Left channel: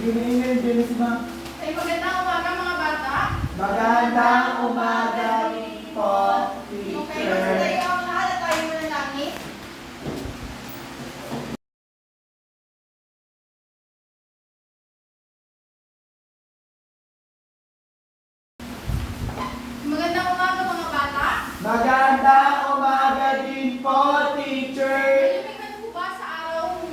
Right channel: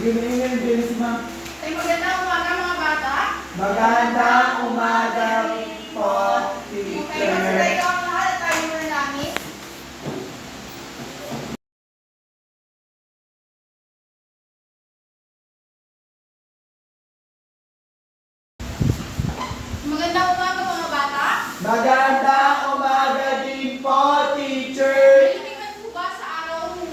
Sige na yun, Dennis, ma'am. Ay, magandang umaga mga bata. Magandang umaga po, Okay, teacher. basta tayo ang lahat at tayo muna langit. Magandang umaga mga bata. Magandang umaga din po, teacher. May man po ba sa araw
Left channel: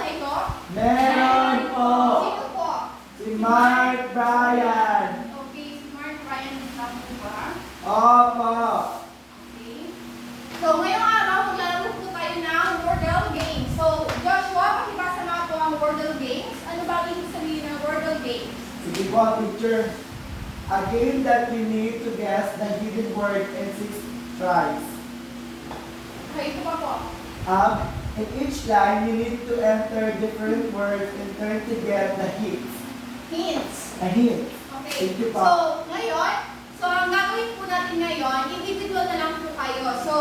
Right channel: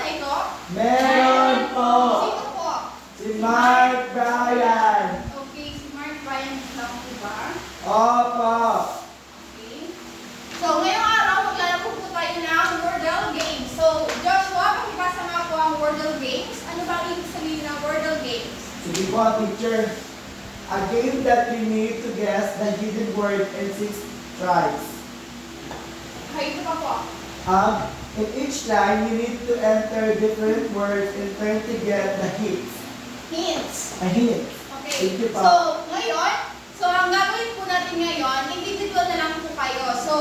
na ito? Meron po. Sino po? Si Mark Bryan. Okay, si Mark Bryan lang po ba? Opo. Okay. So, ngayong araw, maglalaro po tayo ng Wordle Games. So, Joshua, pakibasa nga po ang Wordle Games. Ano ba ibig sabihin ng Wordle Games? Sige po, teacher. A game that you need to guess the hidden word in 6 tries. Okay, ito pa po. In each line, you need to enter different words and try to get the hints. Hints. A hint. Okay. Thank you, So, pa. ngayon, ang gagawin po natin ngayon, individual na lang po kayo. So,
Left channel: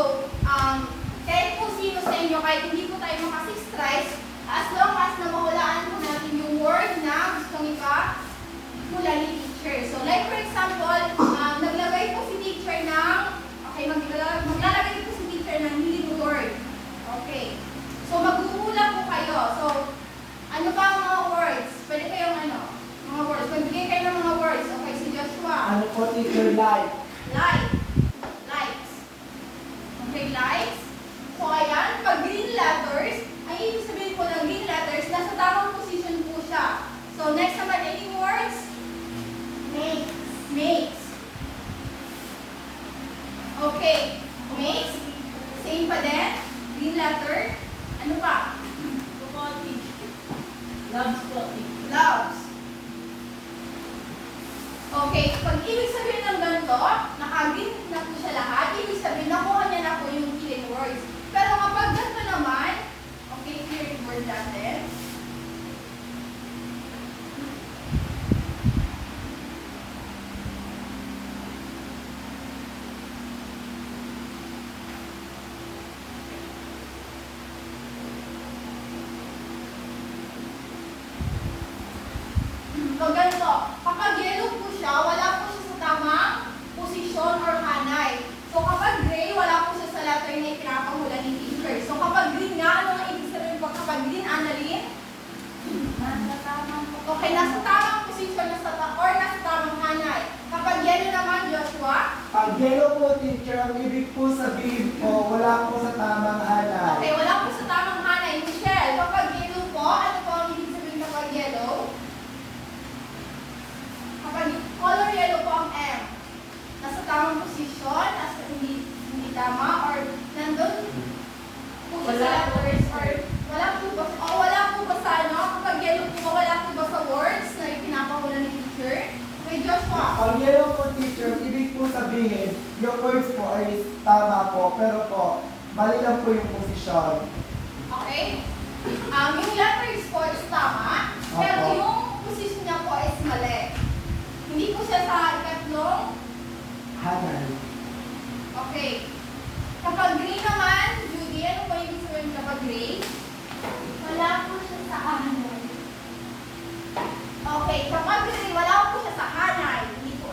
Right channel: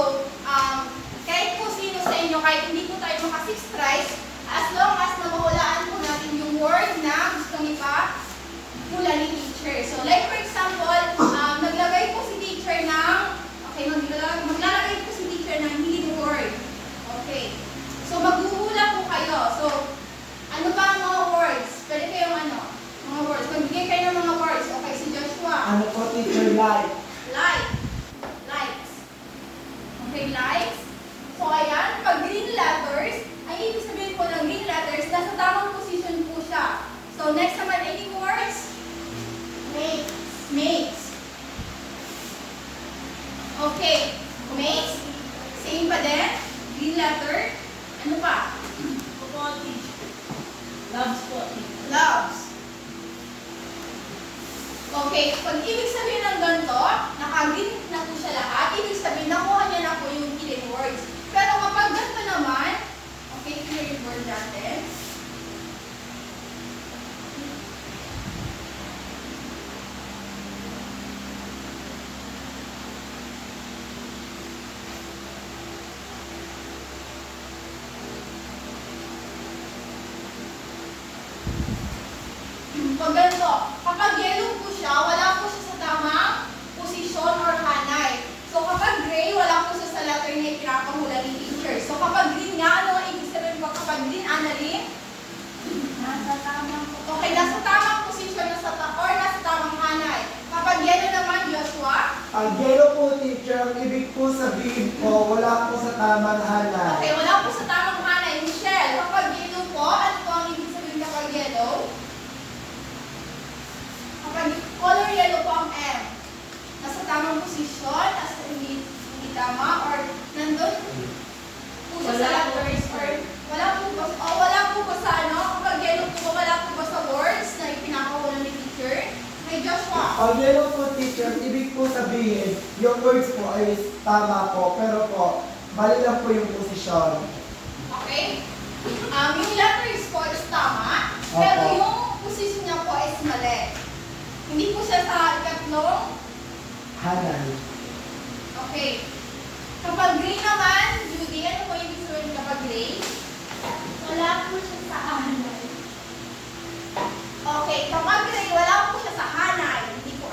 kahit po sino sa inyo, kahit hindi po tayo maka 6 tries, as long as nabahulaan po natin yung word na gustong ipahula ni teacher. So, like for example, naglagay po si teacher ng, maglalagay po si teacher ng hidden word. Okay. So, maghuhula po kayo. So, ano ba ang mga words? Pwede kayong mga words. Magbigay kayo ng mga words. Okay, si Joshua. Ano po, teacher, like? Like. Likes. Okay, likes. So, ayan, pag green letters, ang ibig sabihin po ng green letters, nasa tamang position po siya. So, next naman, any words? Makes. Makes. Okay. Makes. Same pa din. Green letter. Ano pa? Loves po. Loves. Okay, pag ibig sabihin ng ganito, naka-green na po siya lahat, ibig sabihin nakuha niya na po yung hidden words. Pero kapag ganito naman, okay, clear yung word natin. Pag ganito, kapag yellow po siya, wala po siya sa tamang posisyon or hanay. So kapag gray, wala po siya sa letter na ipinapahula ni teacher. So kapag green nga, ano ang ibig sabihin po kapag green, Annalyn? Okay, nasa tamang posisyon or nasa tamang hanay. Kapag yellow naman, Joshua? Pag yellow po, teacher, ang ibig po sabihin po, wala po sa tamang hanay. Okay, wala po sa tamang hanay. Michelle, kapag yellow po, ano po ang ibig sabihin kapag yellow? Kapag color yellow po ang M, nasa tamang posisyon, nasa hindi tama, or nandun po siya sa letters, or wala po ba sa kapag yellow po, wala po ba sa words na ipinapahula ni teacher? Okay, Joshua. Pag yellow po, teacher, ibig po sabihin, yung words po ay tama po, pero po, mali lang po yung posisyon. Okay? Yung letters po is tama, pero Opo. yung posisyon niya po is mali. Hindi po siya sa ikatlong. Hanay. Okay. Kapag gray naman, Judy, ano po yung ibig sabihin kapag gray? Wala po siya sa hanay. Okay, kapag gray, wala po siya sa hanay. Hindi po,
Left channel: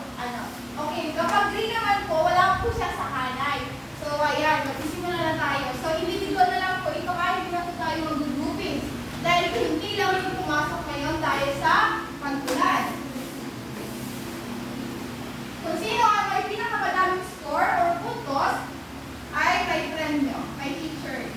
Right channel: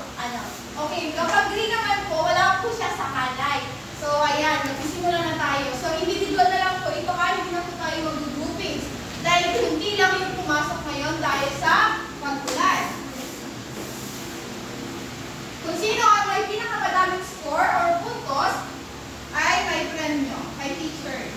Okay, kapag gray naman po, wala po siya sa hanay. So, ayan, magsisimula na tayo. So, individual na lang po ito kahit hindi na po tayo mag-groupings. Dahil hindi lang yung pumasok ngayon dahil sa pagkulan. Kung sino ang may pinakamadaming score or puntos, ay may premyo, may teacher.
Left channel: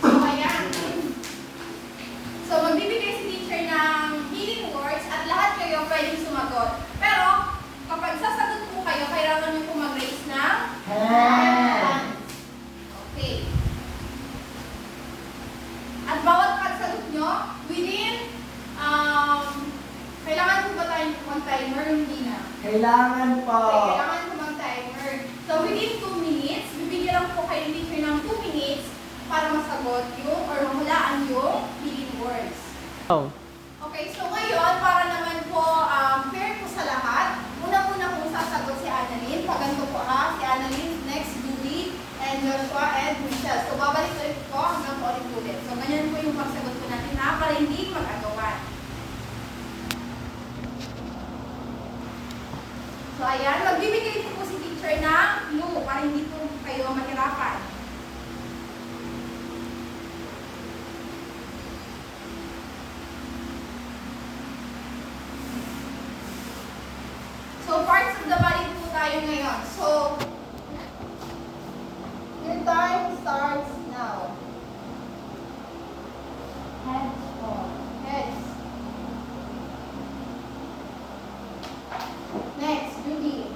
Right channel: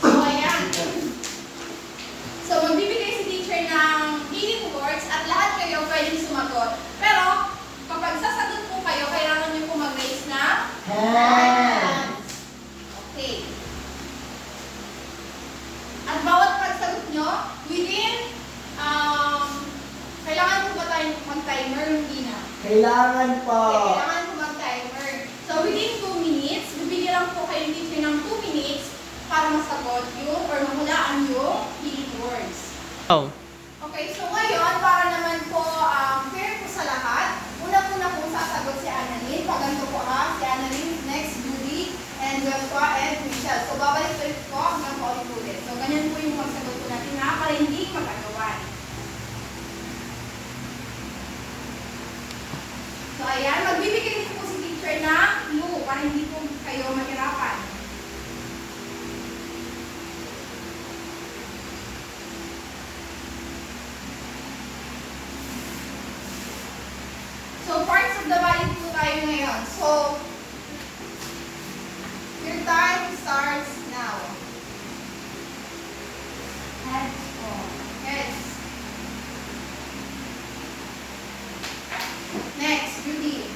So, ayan. So, magbibigay si teacher ng hidden words at lahat kayo pwedeng sumagot. Pero, kapag sasagot po kayo, kailangan nyo po mag-raise ng Hands. Okay. At bawat pagsagot nyo, within, kailangan po ba tayo mag-timer? Hindi na. Kailangan po. Okay, kailangan po mag-timer. So, within 2 minutes, bibigyan lang po kayo teacher ng 2 minutes para masagot yung or mahulaan yung hidden words. Oh. para hindi mag-agawan. So ayan, magbibigay din po si teacher ng clue para hindi po kayo mahirapan. So parts of the body po tayo ngayon. So your time starts now. Head po. Yes. Next, Judy.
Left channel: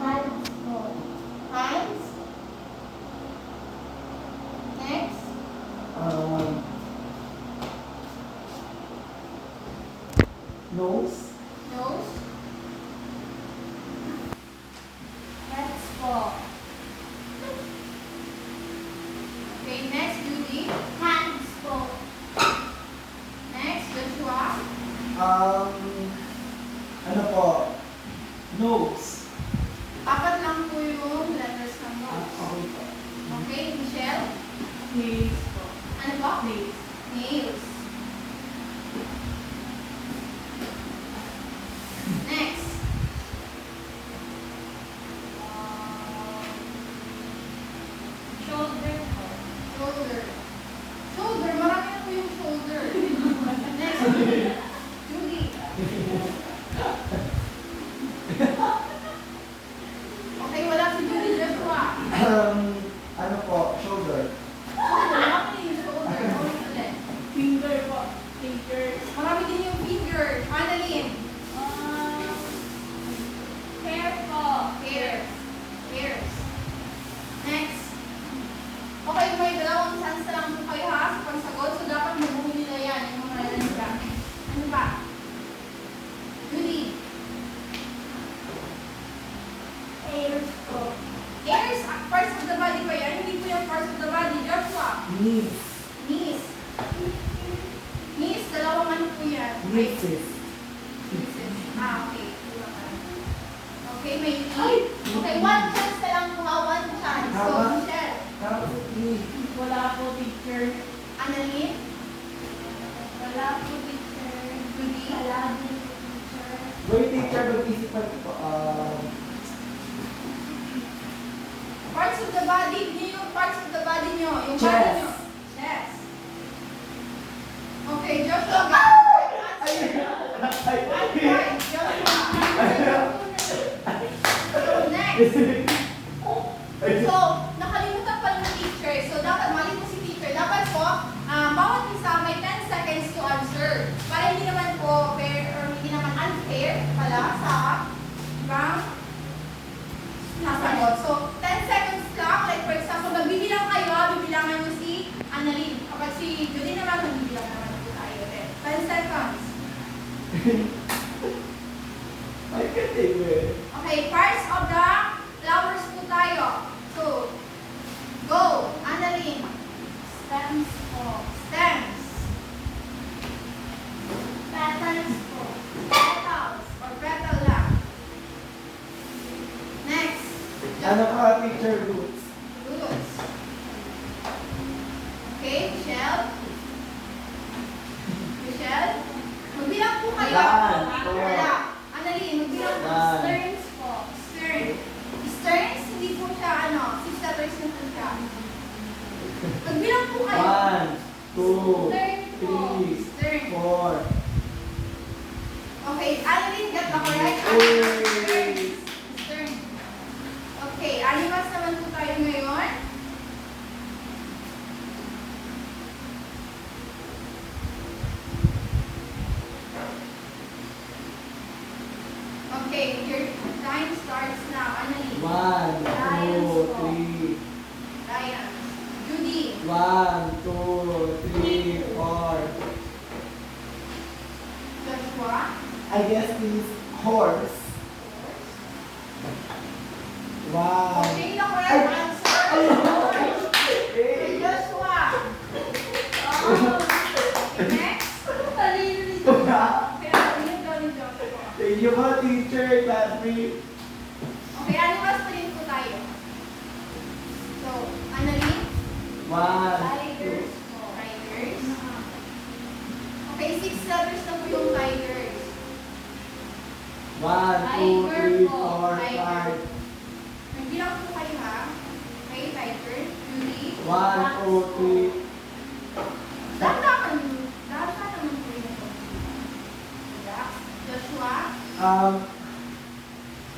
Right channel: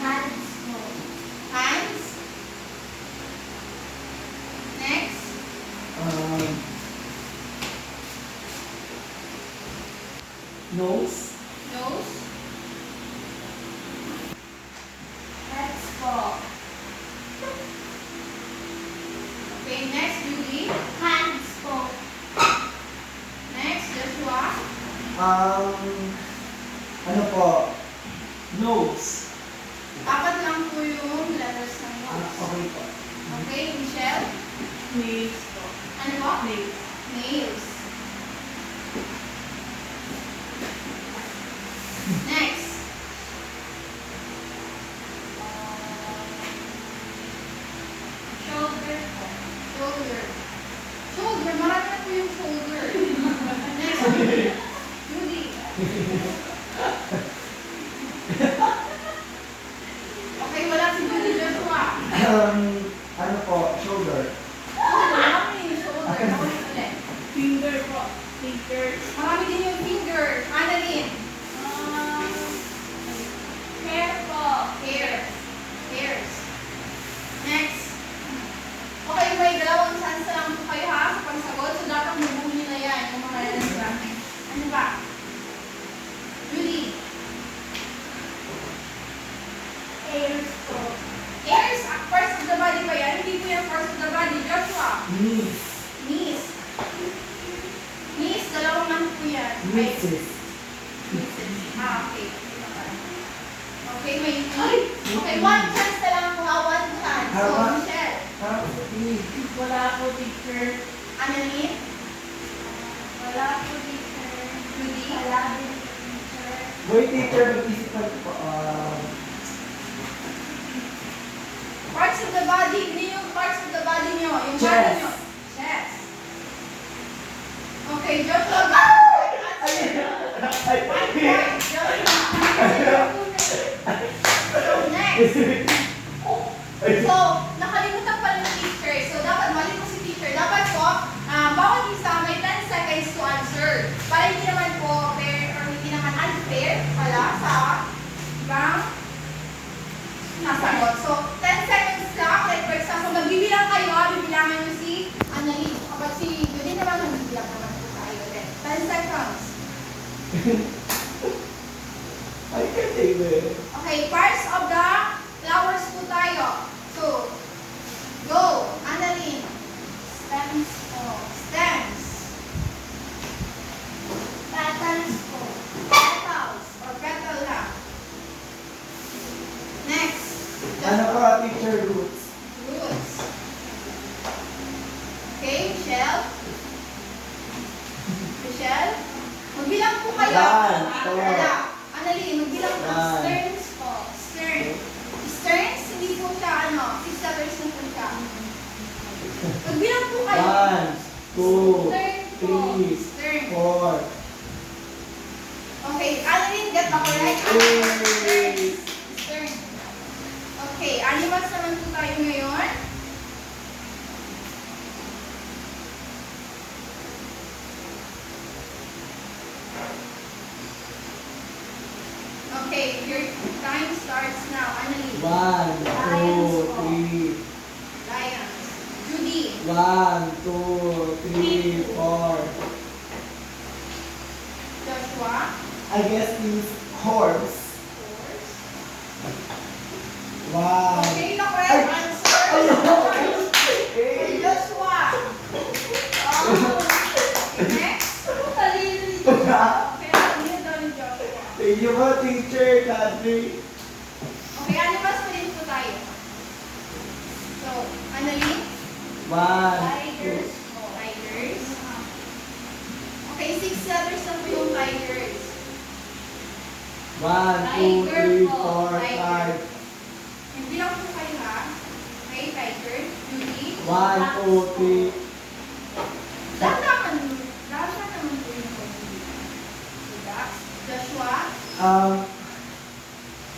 Hands po. Hands. Next. Nose. Nose. Heads po. Okay, next, Judy. Hands po. Next, Joshua. Ano po? Nose. Apat lang po yung letters ng nose. Okay po. Okay, Michelle. Nails po. Ano po? Nails. Nails. Next. Shoulder po. Shoulder. Shoulder, marami na po yung shoulder. Next, Judy. Judy. Okay, wala si Judy. Joshua. Ano po? Shoulder. Shoulder, marami yung shoulder. Ulit, ulit. Finger po. Fingers. Marami din yung finger. Annalyn. Hair po. Hair. Hairs. Next. Okay, may dalawang chance lang po kayo ha sa pagsagot. So, dapat mabuo nyo na yan yung mga lalagyan. Ano ba? Judy. Hairs po. Hairs. Parts of the body pa yan. Hindi po yung parts of the body. Joshua. Knees. Knees. Knees. Dalawang ano po yan. Knees. Ah, okay. Okay, may knee. Okay, one chance na lang po ha. One chance. So, Tama. Michelle. Parang knee. Wala po teacher. Annalyn. Wala po teacher. Judy. Wala din teacher. Boy teacher, mag-isipan po. Parts of the body, hindi yung parts of the body nyo. Yung body Chest. nyo. Chest. Okay, Joshua. One point. Joshua. So, next. So, nakalimutan pa ng teacher. So, dapat mali po si teacher. Dapat po, bawat isa may 10 seconds to answer. Para hindi naman po fair or hindi naman unfair pala sa ibang nasagot. So, 10 seconds lang. Like for example, magbibilang kayo, bibilangin nyo si Annalyn. Kapag si Judy naman, magbibilang naman po tayo. Then, 10 seconds. Ay, kasi Okay, parts of the flowers po tayo. So, go. Annalyn. Stems po. Stems. Petals po. Petals. Or petal lang. Next. Ano pa teacher roots? Roots. Okay, Michelle. Michelle. Magbilang po kayo. One, two. Wala. Annalyn, magbilang po. One. Sterns po. Stern. Sterns, hindi po siya, 6 letters na po siya. Magbilang po kayo. 1, 2, Stern po. 3, Stern. 4. Okay, Annalyn, get ako right? Yay! Stern. Okay, animals naman po tayo ngayon. Okay, your time starts now. Annalyn. 1, 2, 3. Lion. Judy. 1, 2, 3, 4. Joshua. I guess means horse. Horse. Wow. Okay, the correct answer. Hey. Joshua. Oh. Next. Okay, ano daw ni Joshua? Thank you po, teacher. Dati. Okay, animals pa rin po tayo. So, Annalyn. 1, Tigers. Tigers. 6 letters na po yung tigers. 1, 2, 3, 4, Tiger. 5. Magbilang po kayo ha. Okay, tiger. Julie. 1, 2, 3. Dahan naman po yung Dax. Joshua.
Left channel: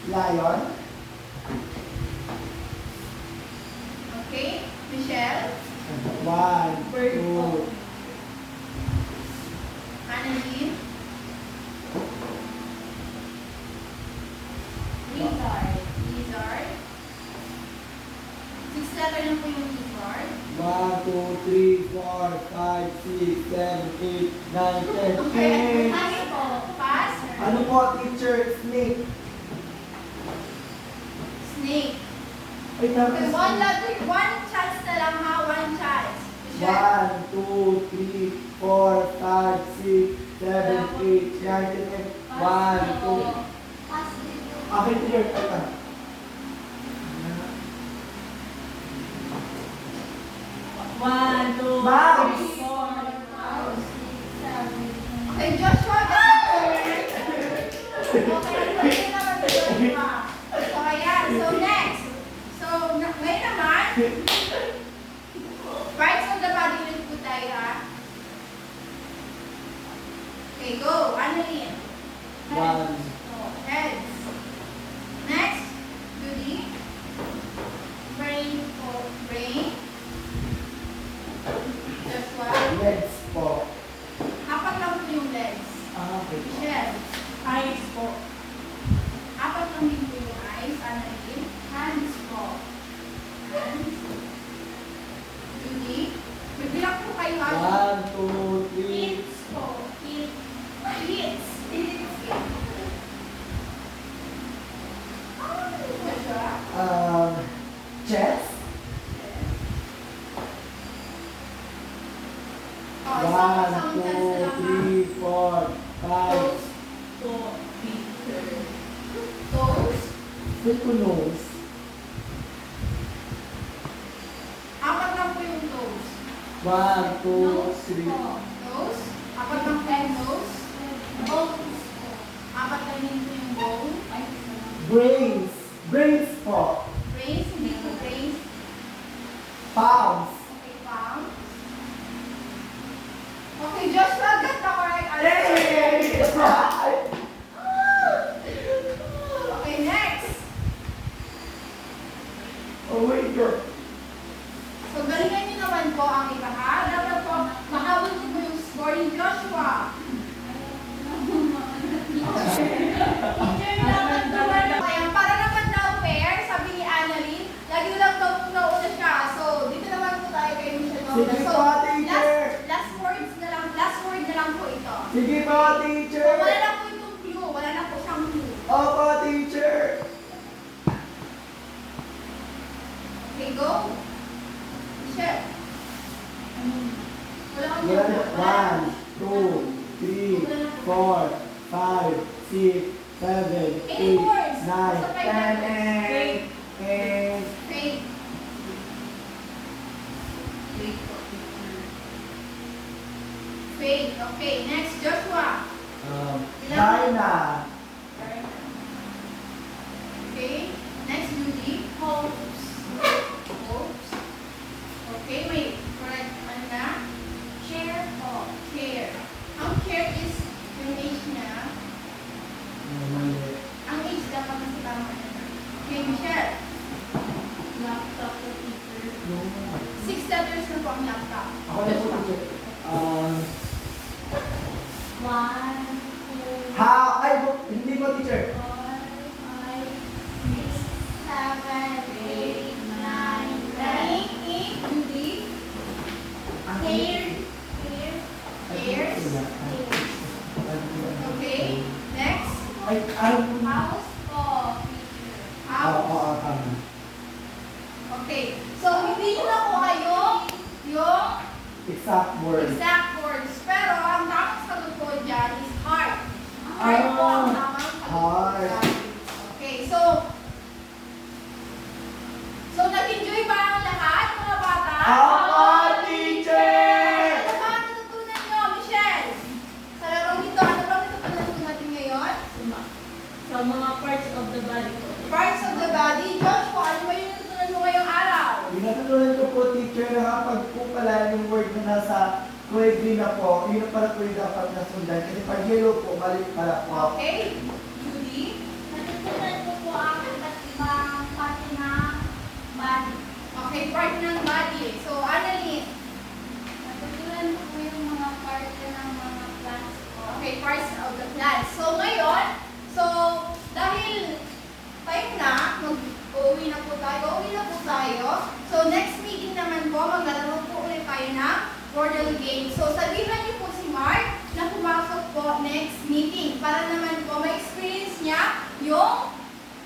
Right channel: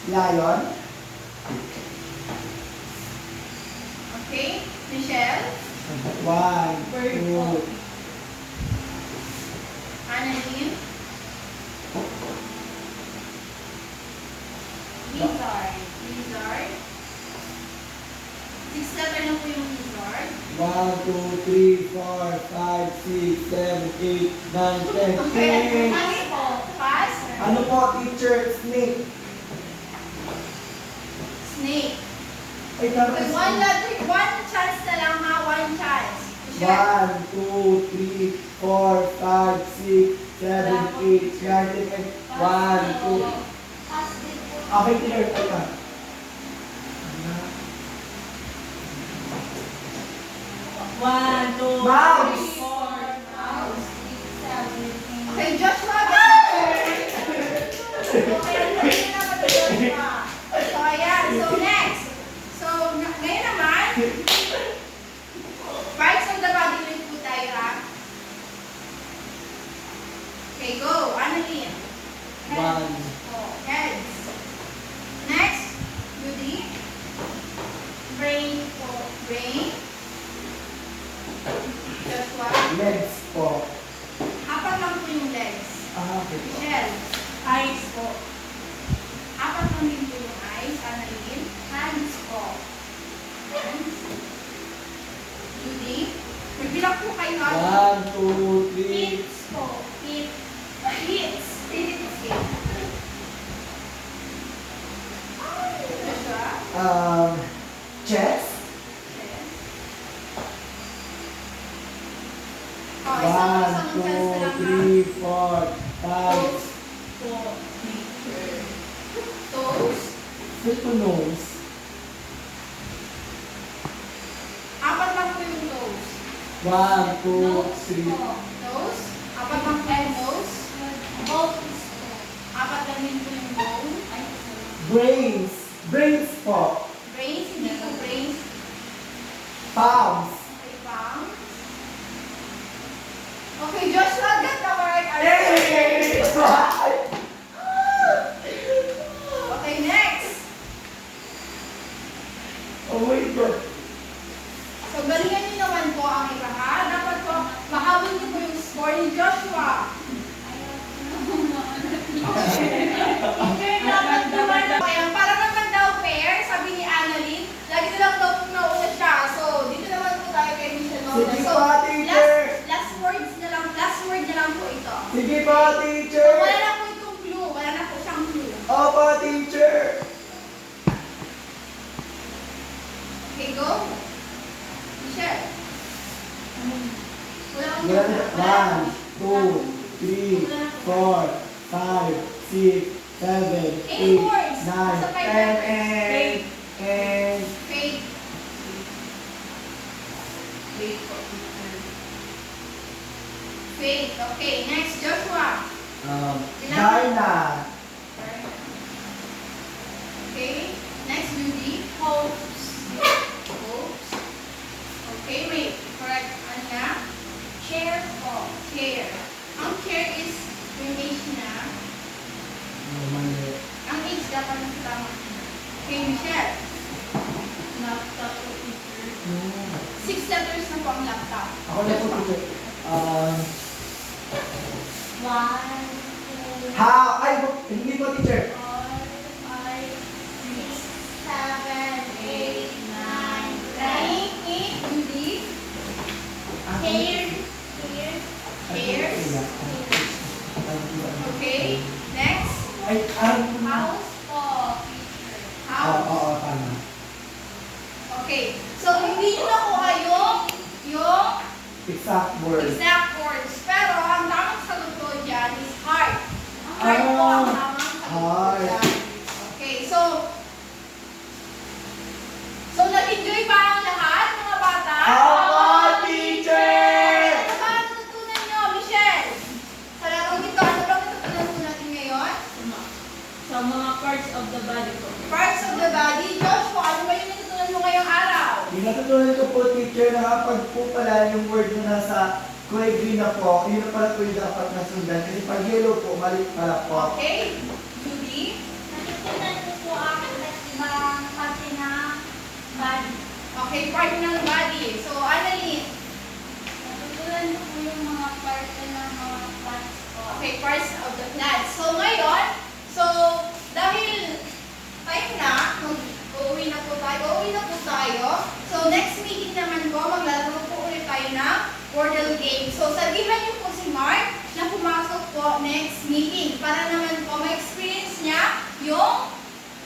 Lion. Okay. Michelle. 1, 2. Annalyn. Lizard. Lizard. 6 letter na po yung lizard. 1, 2, 3, 4, 5, 6, 7, 8, 9, 10. Okay. Snake. Pass. Ano po, teacher? Snake. Snake. Ay, Okay, one letter, one chance na lang ha, one chance. Michelle. 1, 2, 3, 4, 5, 6, 7, 8, 9, 10. 1, 2. Pass din po. Okay, teacher. Ay, ka. One, two, Mouse. three, four. Okay, Joshua. Okay, ang naman ni Joshua. So, ayan. So, next. So, ngayon naman, parts of the body ulit po tayo ha. Okay, go. Annalyn. 1. Oh, heads. Next, Judy. Brain po. Brain. Joshua. Legs po. Apat lang po yung legs. Okay po. Michelle. Eyes po. Apat lang din po yung eyes. Annalyn. Hands po. Hands. Judy. Magbilang po kayo ha. 1, 2, 3. Hips po. Hip. Hips. Joshua. Chest. Oh, isang 1, chance na lang 2, 3, 4, 5. Po. Teacher. ha. Toes. Fit po nose. Apat lang po yung toes. 1, 2, Nose 3. po. Nose. Apat lang po yung nose. Bones po. Apat lang din po yung bone. Brains. Brains po. Brains. Hindi po brains. Palms. Okay, palms. Okay, Joshua, get the correct answer. Yay! Okay, next. Oh my God. So, galingan niyo naman po ang iba ha. Dapat po, mahabol niyo po yung score ni Joshua. Kaya para naman daw fair, sabi ni Annalyn, lagi na lang daw nauna siya. So, dito naman po tayo kay Michelle Mauna. Sige So, po, teacher. last word na lang po ito. Sige po, So, teacher. wala na po itong clue. Wala na po siyang clue. Opo, teacher. Okay, go. Michelle. Wala kang Wala clue. na. 1, 2, 3, 4, 5, 6, 7, 8, 9, 10, 8. Faith. Wait po, teacher. Faith. Okay, next, Joshua. Darna. Okay, next, Judy. Hopes. Hopes. Okay, wait. Correct. Ano na? Chair po. Care. Ang care is yung age niya. Ang age dapat nasa tama niya. Okay, Michelle. Laptop po, teacher. 6 letters na po ang laptop. Ako na po, teacher. One, two, Ay, hindi po, teacher. 4, 5, 6, 7, 8, 9, 10. Judy. Hair. Hair. Hair. Okay, next. House po. House. Tama. Okay, so hindi nyo nakuha yung Exact word. exact words. Pero ang tamang sagot ko dyan is heart. Heart po ang tamang sagot ko heart. dyan. Okay, so nag-enjoy ba ang lahat, mga bata? Opo, teacher! Ano ba ang natutunan nyo, Michelle? Sa kulay green na po, yun na pala po yung dapat nasundan. Kasi pag yellow po, mali pala po. Okay. Judy? Natutunan ko po ang ibang parte ng body. Okay, part ng body. So, Annalyn? Natutunan ko po yung mga parte ng mga plants po. Okay, parts of the plant. So, ngayon, dahil time na, mag-uwi na po tayo. So, next meeting naman po, maglalaro po ulit tayo ng Wordle game. So, sabihan niyo po si Mark na pumasok po next meeting para naman po ma-experience niya yung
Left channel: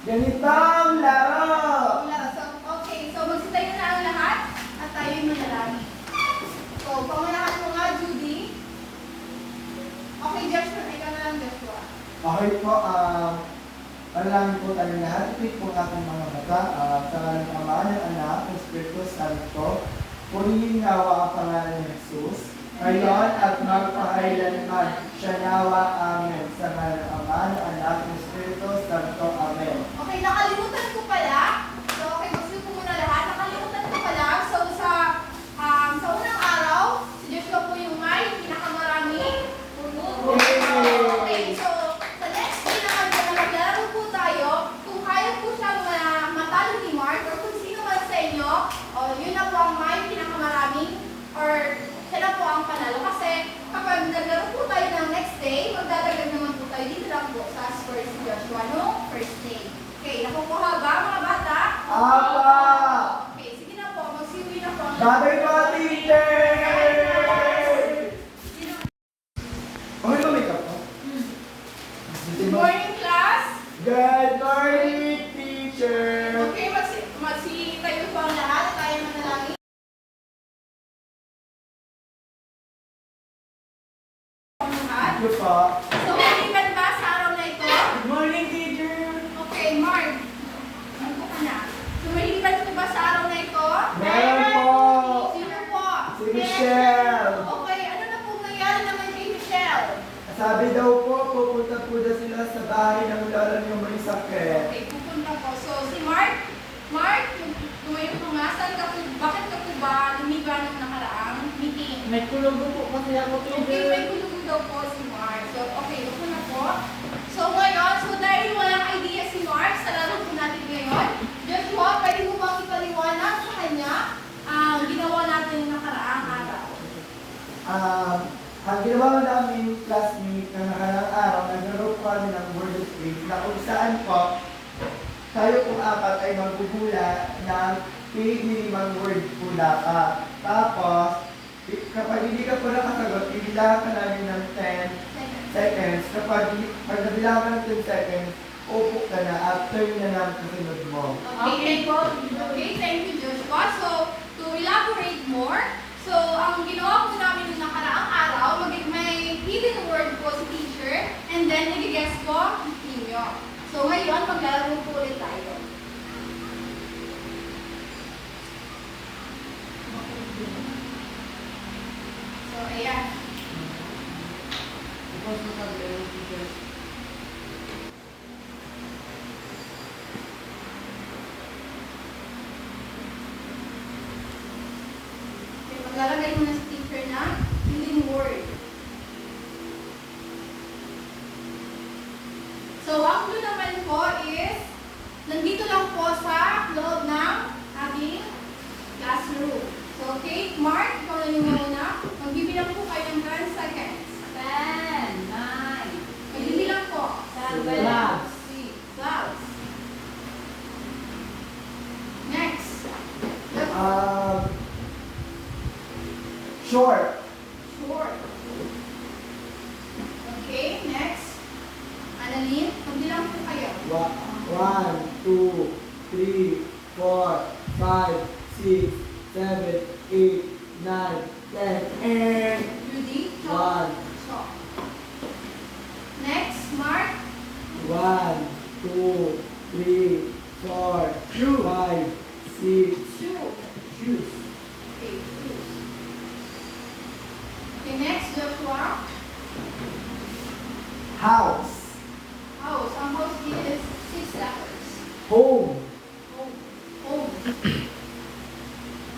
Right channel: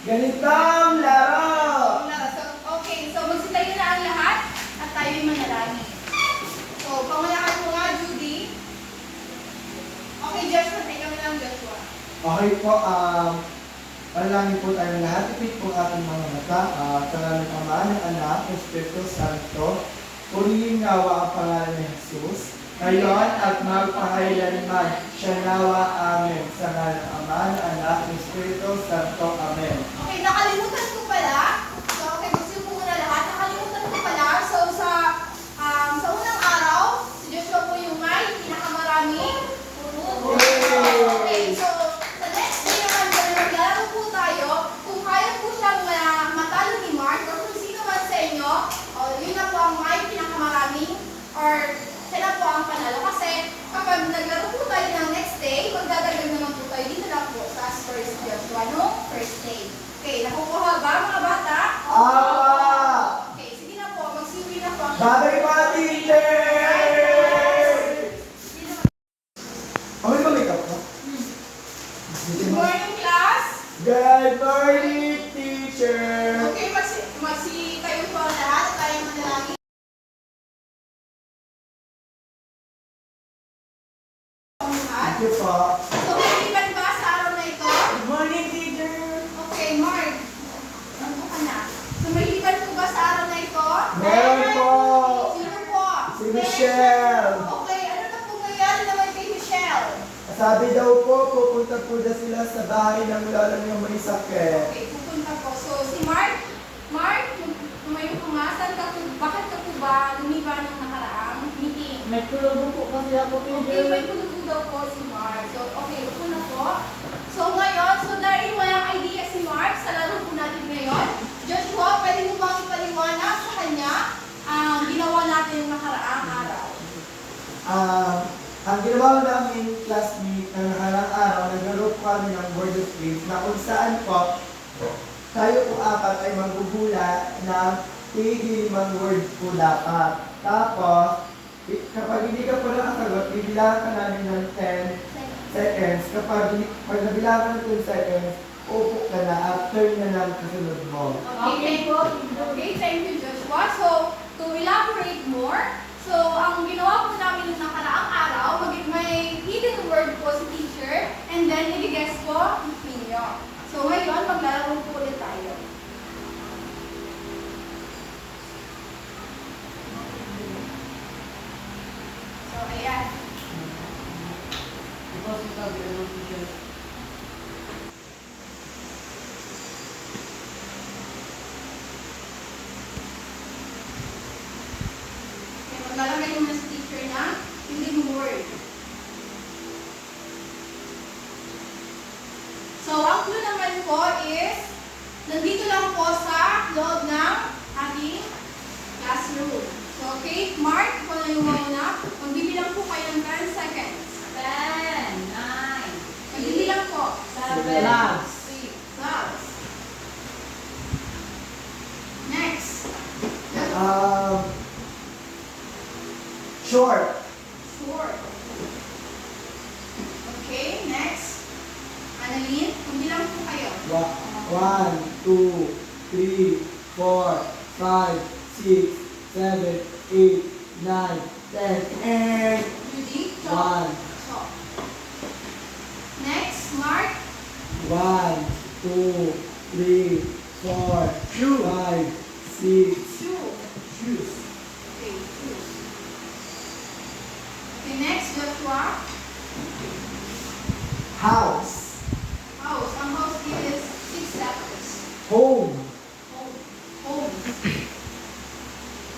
Ganitong laro! laro. So, okay, so magsitayo na ang lahat at tayo'y manalangin. So, pangalakan mo nga, Judy. Okay, Joshua, tayo na lang, Joshua. Okay po, panalangin po tayo lahat. Ipit po ating mga mata. Sa ngalan ng Ama, ng Anak, ng Espiritu Santo. Purihin nawa ang pangalan ni Jesus. Ngayon at magpakailanman. Siya nawa. Amen. Sa ngalan ng Ama, ng Anak, ng Espiritu Santo. Amen. Okay, nakalimutan ko pala. So, okay, gusto ko muna lahat. Nakalimutan ko pala. So, sa unang araw, si Joshua po yung may pinakamaraming puno. Okay, so, sa next day naman po na maglalaro po tayo, kung kaya po siya matalo ni Mark, or kung sino man sa inyo, yun na po ang may pinakamaraming, or siya na po ang panalo. Kasi, kapag naglaro po tayo ng next day, magdadagdag naman po tayo dito lang po sa first Joshua, no? First day. Okay, nakukuha ba mga bata? Apa! Okay, sige na po, magsiwi na po ang Babay mga teacher! Okay ba make up ko? Good morning, class! Good morning, teacher! Okay, tayo po ang lahat at tayo manalangin. Ang lahat. Thank you po. So, kaibigan ba sa araw na ito? Good morning, teacher! Okay, Mark. Ano ka na? So, mahilipan po ba sa araw na ito? Meron po! Sino po? Si Michelle! Okay, ano na po nangyari naman kay Michelle? Sabi daw po, pupunta po na sila sa bahay ng lola niyo may sakit. Okay, pupunta po. So, si Mark, tumayo ka nga. Bakit ka po ba lumiba ng nakaraang meeting? May tulugo po kasi ako Okay, may kulong daw po si Mark. So, okay, upo na po. So, ngayon, dahil walang idea si Mark sa laro po natin ngayon, Joshua, pwede mo bang ipaliwanag sa kanya ang ginawa natin nakaraang araw? Ang ginawa namin classmate na nakaraang araw, naglaro po kami ng word of faith na kung saan po tayo po apat ay magbubula ng 5 word po dapat. Tapos, kapag hindi ka po nakasagot, bibilangan ka namin ng 10 seconds. Pag nabilangan ka ng 10 seconds, upo ka na at turn na lang kasunod mo. Okay, thank you, Joshua. So, to elaborate more, so, ang ginawa po namin nung nakaraang araw, may hidden word po si teacher, and then i-guess po ninyo. So, ngayon, maglalaro po ulit tayo. So, ayan. Okay, maglalagay muna si teacher na hidden word. So, ang clue naman po is, nandito lang po sa loob ng ating classroom. So, okay, Mark, ikaw na yung mauna. Magbibilang po kayo ng 10 seconds. 10, 9, Magbibilang po. 7, Labs. 6, Labs. Next. Yes. Short. Short. Okay, next. Annalyn, magbilang po kayo. 1, 2, 3, 4, 5, 6, 7, 8, 9, 10, and Judy, 1. Chalk. Next, Mark. 1, 2, 3, 4, 5, 6. Shoe. Shoes. Okay, shoes. Okay, next, Joshua. House. House. Ang house is 6 letters. Home. Home. Home.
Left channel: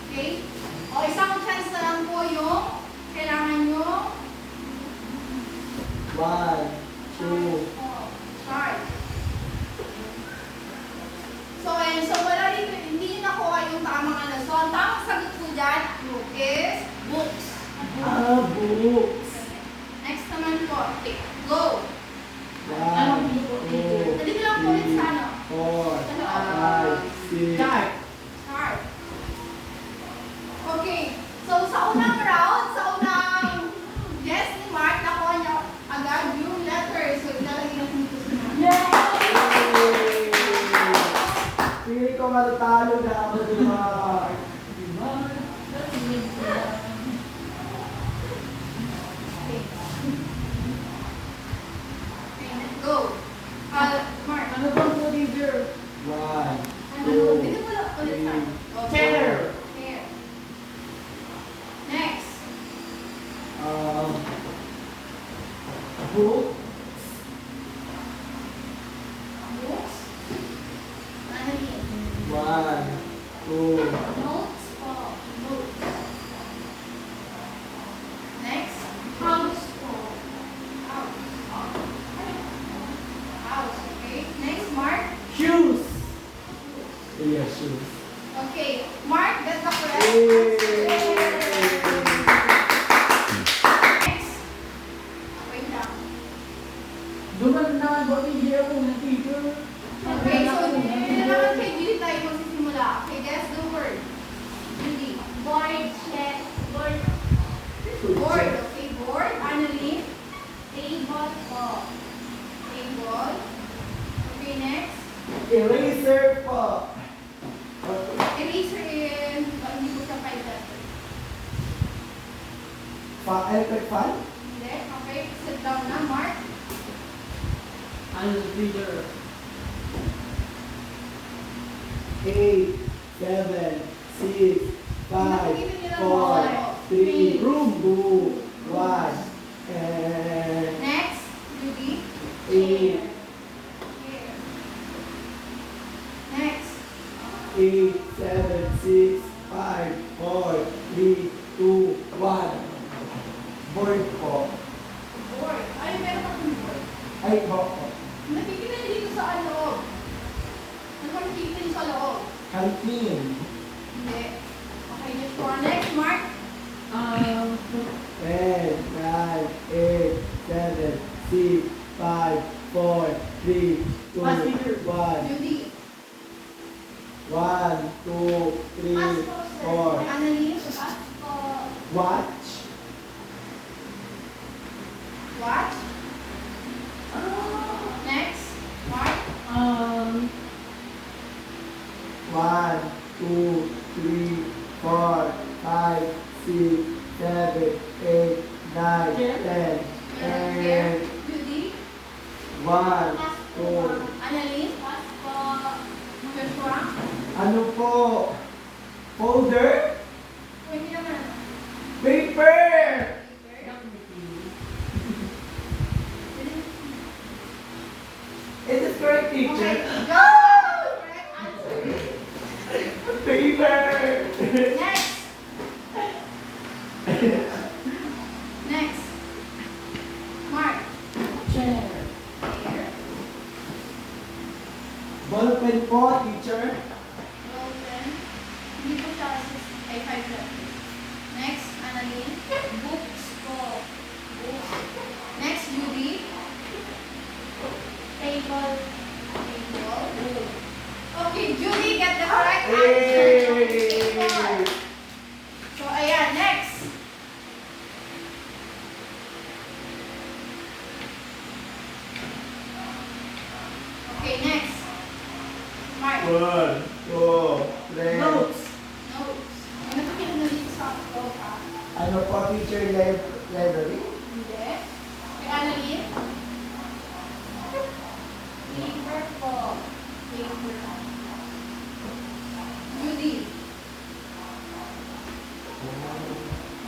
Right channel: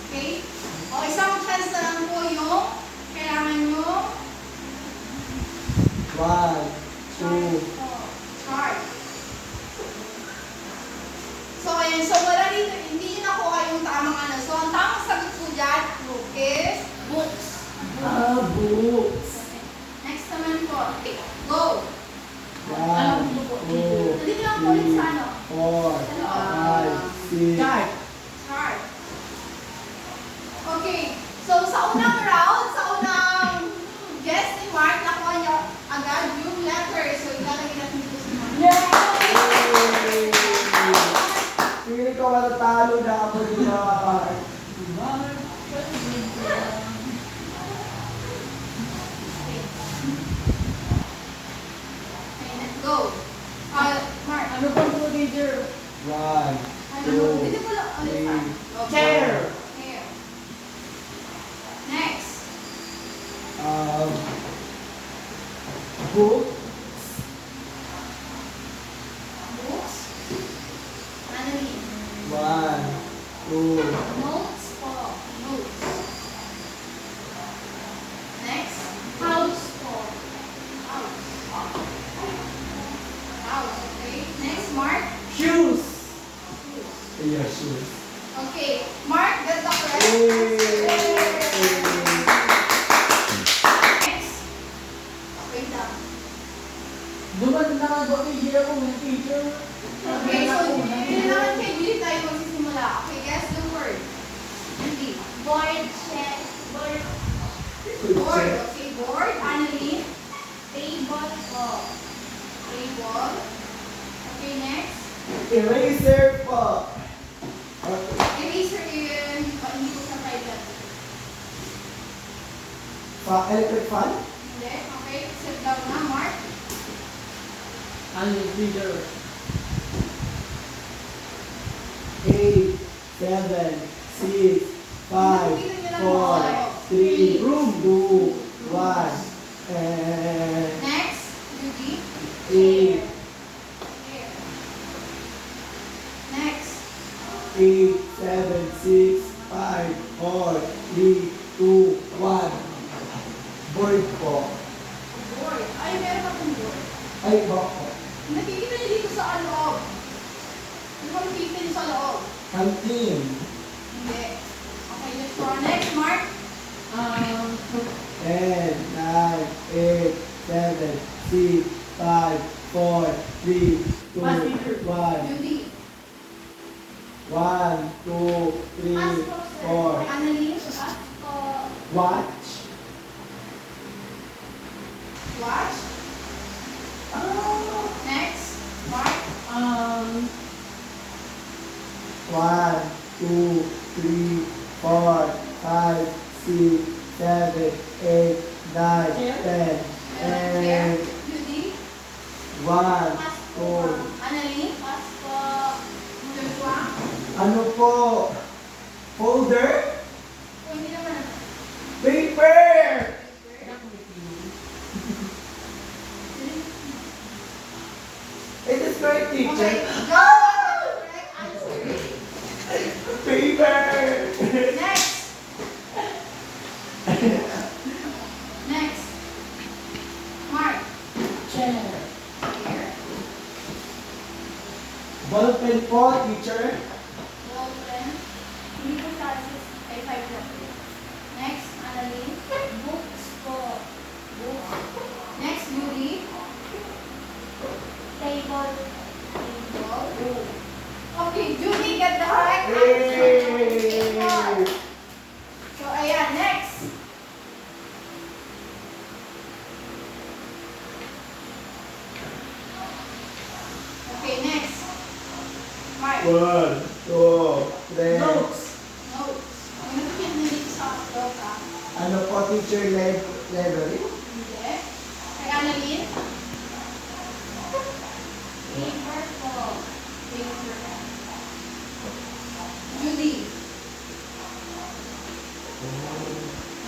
Okay? O, isang chance na lang po yung kailangan 1, 2, Chart. So, ayan. So, wala dito. Hindi nyo nakuha yung tamang ano. So, ang tamang sagot po dyan is books. books. Next naman po. Okay. Go. 1, 2, Nandito lang po ulit sa ano. 4, 5, 6. Chart. Chart. Okay. So, sa unang round, sa unang guess ni Mark, nakuha niya agad yung letter. So, ilalagay natin dito sa Mark. Hindi ko matatalo na ako yung mga part. Okay, let's go. Mark. Ano bang procedure? 1, Dito mo lang ulit sa. Okay. Chair. Chair. Next. book, Books. Ano yun? 1, 2, Notes po. Notes. Next. House po. House. House, okay. Next, Mark. Shoes. yes, shoes. Okay. Mark, that's the correct Yay! answer. Next. Wait lang. Duman na ba iya ko ng teacher? Okay, so yun naman kay Julie tayo magsisimula. Okay, guess the word. Julie. Board, chair, board, Board. Okay, board. Annalyn. table po. Table. Okay, next. Eraser po. Okay. Eraser in, hindi ko siya pilot. Electric fan? Hindi. Okay, sit down na, Mark. Ano teacher? 8, 7, 6, 5, 4, 3, Room. 2, 1, and Next, Judy. 8, Here. Next. 8, 7, 6, 5, 4, 3, 2, 1. Board po. Board. Ay, meron pa pong board. Ay, po. Nakikita niyo dito sa loob. Ano ba nakikita niyo sa loob? Canteen. Hindi. Okay, let's go. Next, Mark. 10, 9, 8, 7, 6, 5, 4, 3, 2, 1. Judy. 1, 2, 3, 4. Annalyn. Po. Watch. Watch. Next, Mark. 1, 2, 3, 4, 5, 6, 7, 8, 9, 10. Here. And Judy. 1, 2. Annalyn. Pas po. Joshua. Ano po? Folder? Oh, hindi naman. Paper! It is correct, Okay, teacher. go! Correct answer. Paper! Next. Next. Mark. Chair. Here. Ballpen po, teacher. Golden. Hindi po siya ay 5 letter. Next, Annalyn. Books po. Books. Next, Judy. Table. Table. Okay, Judy get the correct Yay! answer. So, ayan, next. Okay, next. Mark. 1, 2, 3. Notes. Notes. Ang nakikita na dito sa upload, Ano po, teacher, library? Hindi. Kay Annalyn. Paper po. Paper. Judy.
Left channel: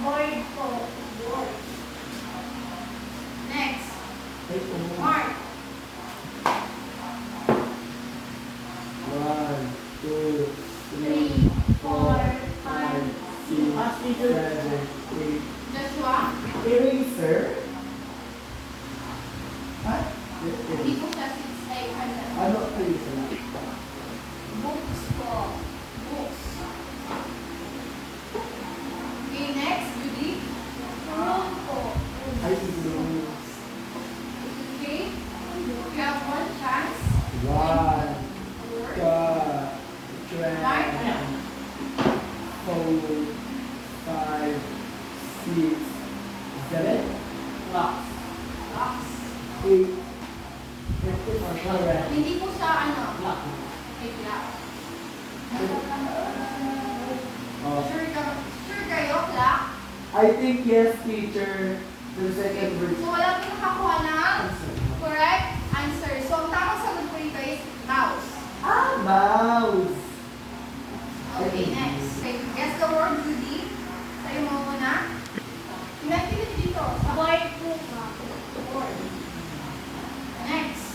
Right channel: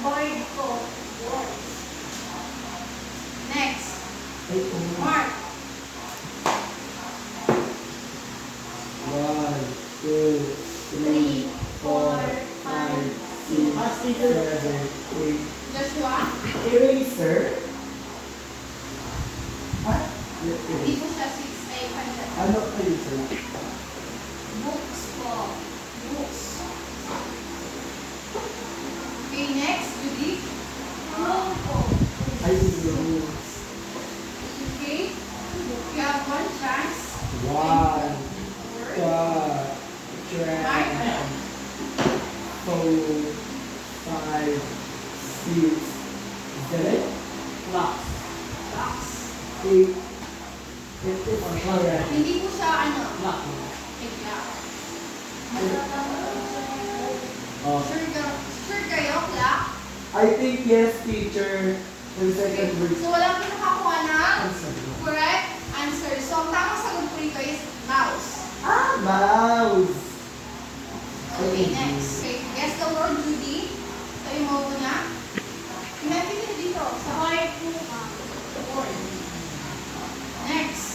Board po. Board. Next. Ay, Mark. 1, 2, 3, 4, 5, 6, 7, 8. Joshua. Eraser? know. Okay? You have one chance. One, Word. two, three, Mark. 4, 5, 6, 7, Clocks. Box. 8, 54. Hindi po siya Clock. bigla. Oh. Sure kayo, clock? I think yes, teacher. For the Okay. second verse. So, wala po nakakuha ng correct answer. So, ang tamang sagot po rito is mouse. Ah, mouse. Okay, next. Okay, guess the word, Judy. Sa'yo mo muna. Pinagpilin dito. Sa Board po ba? board. Next.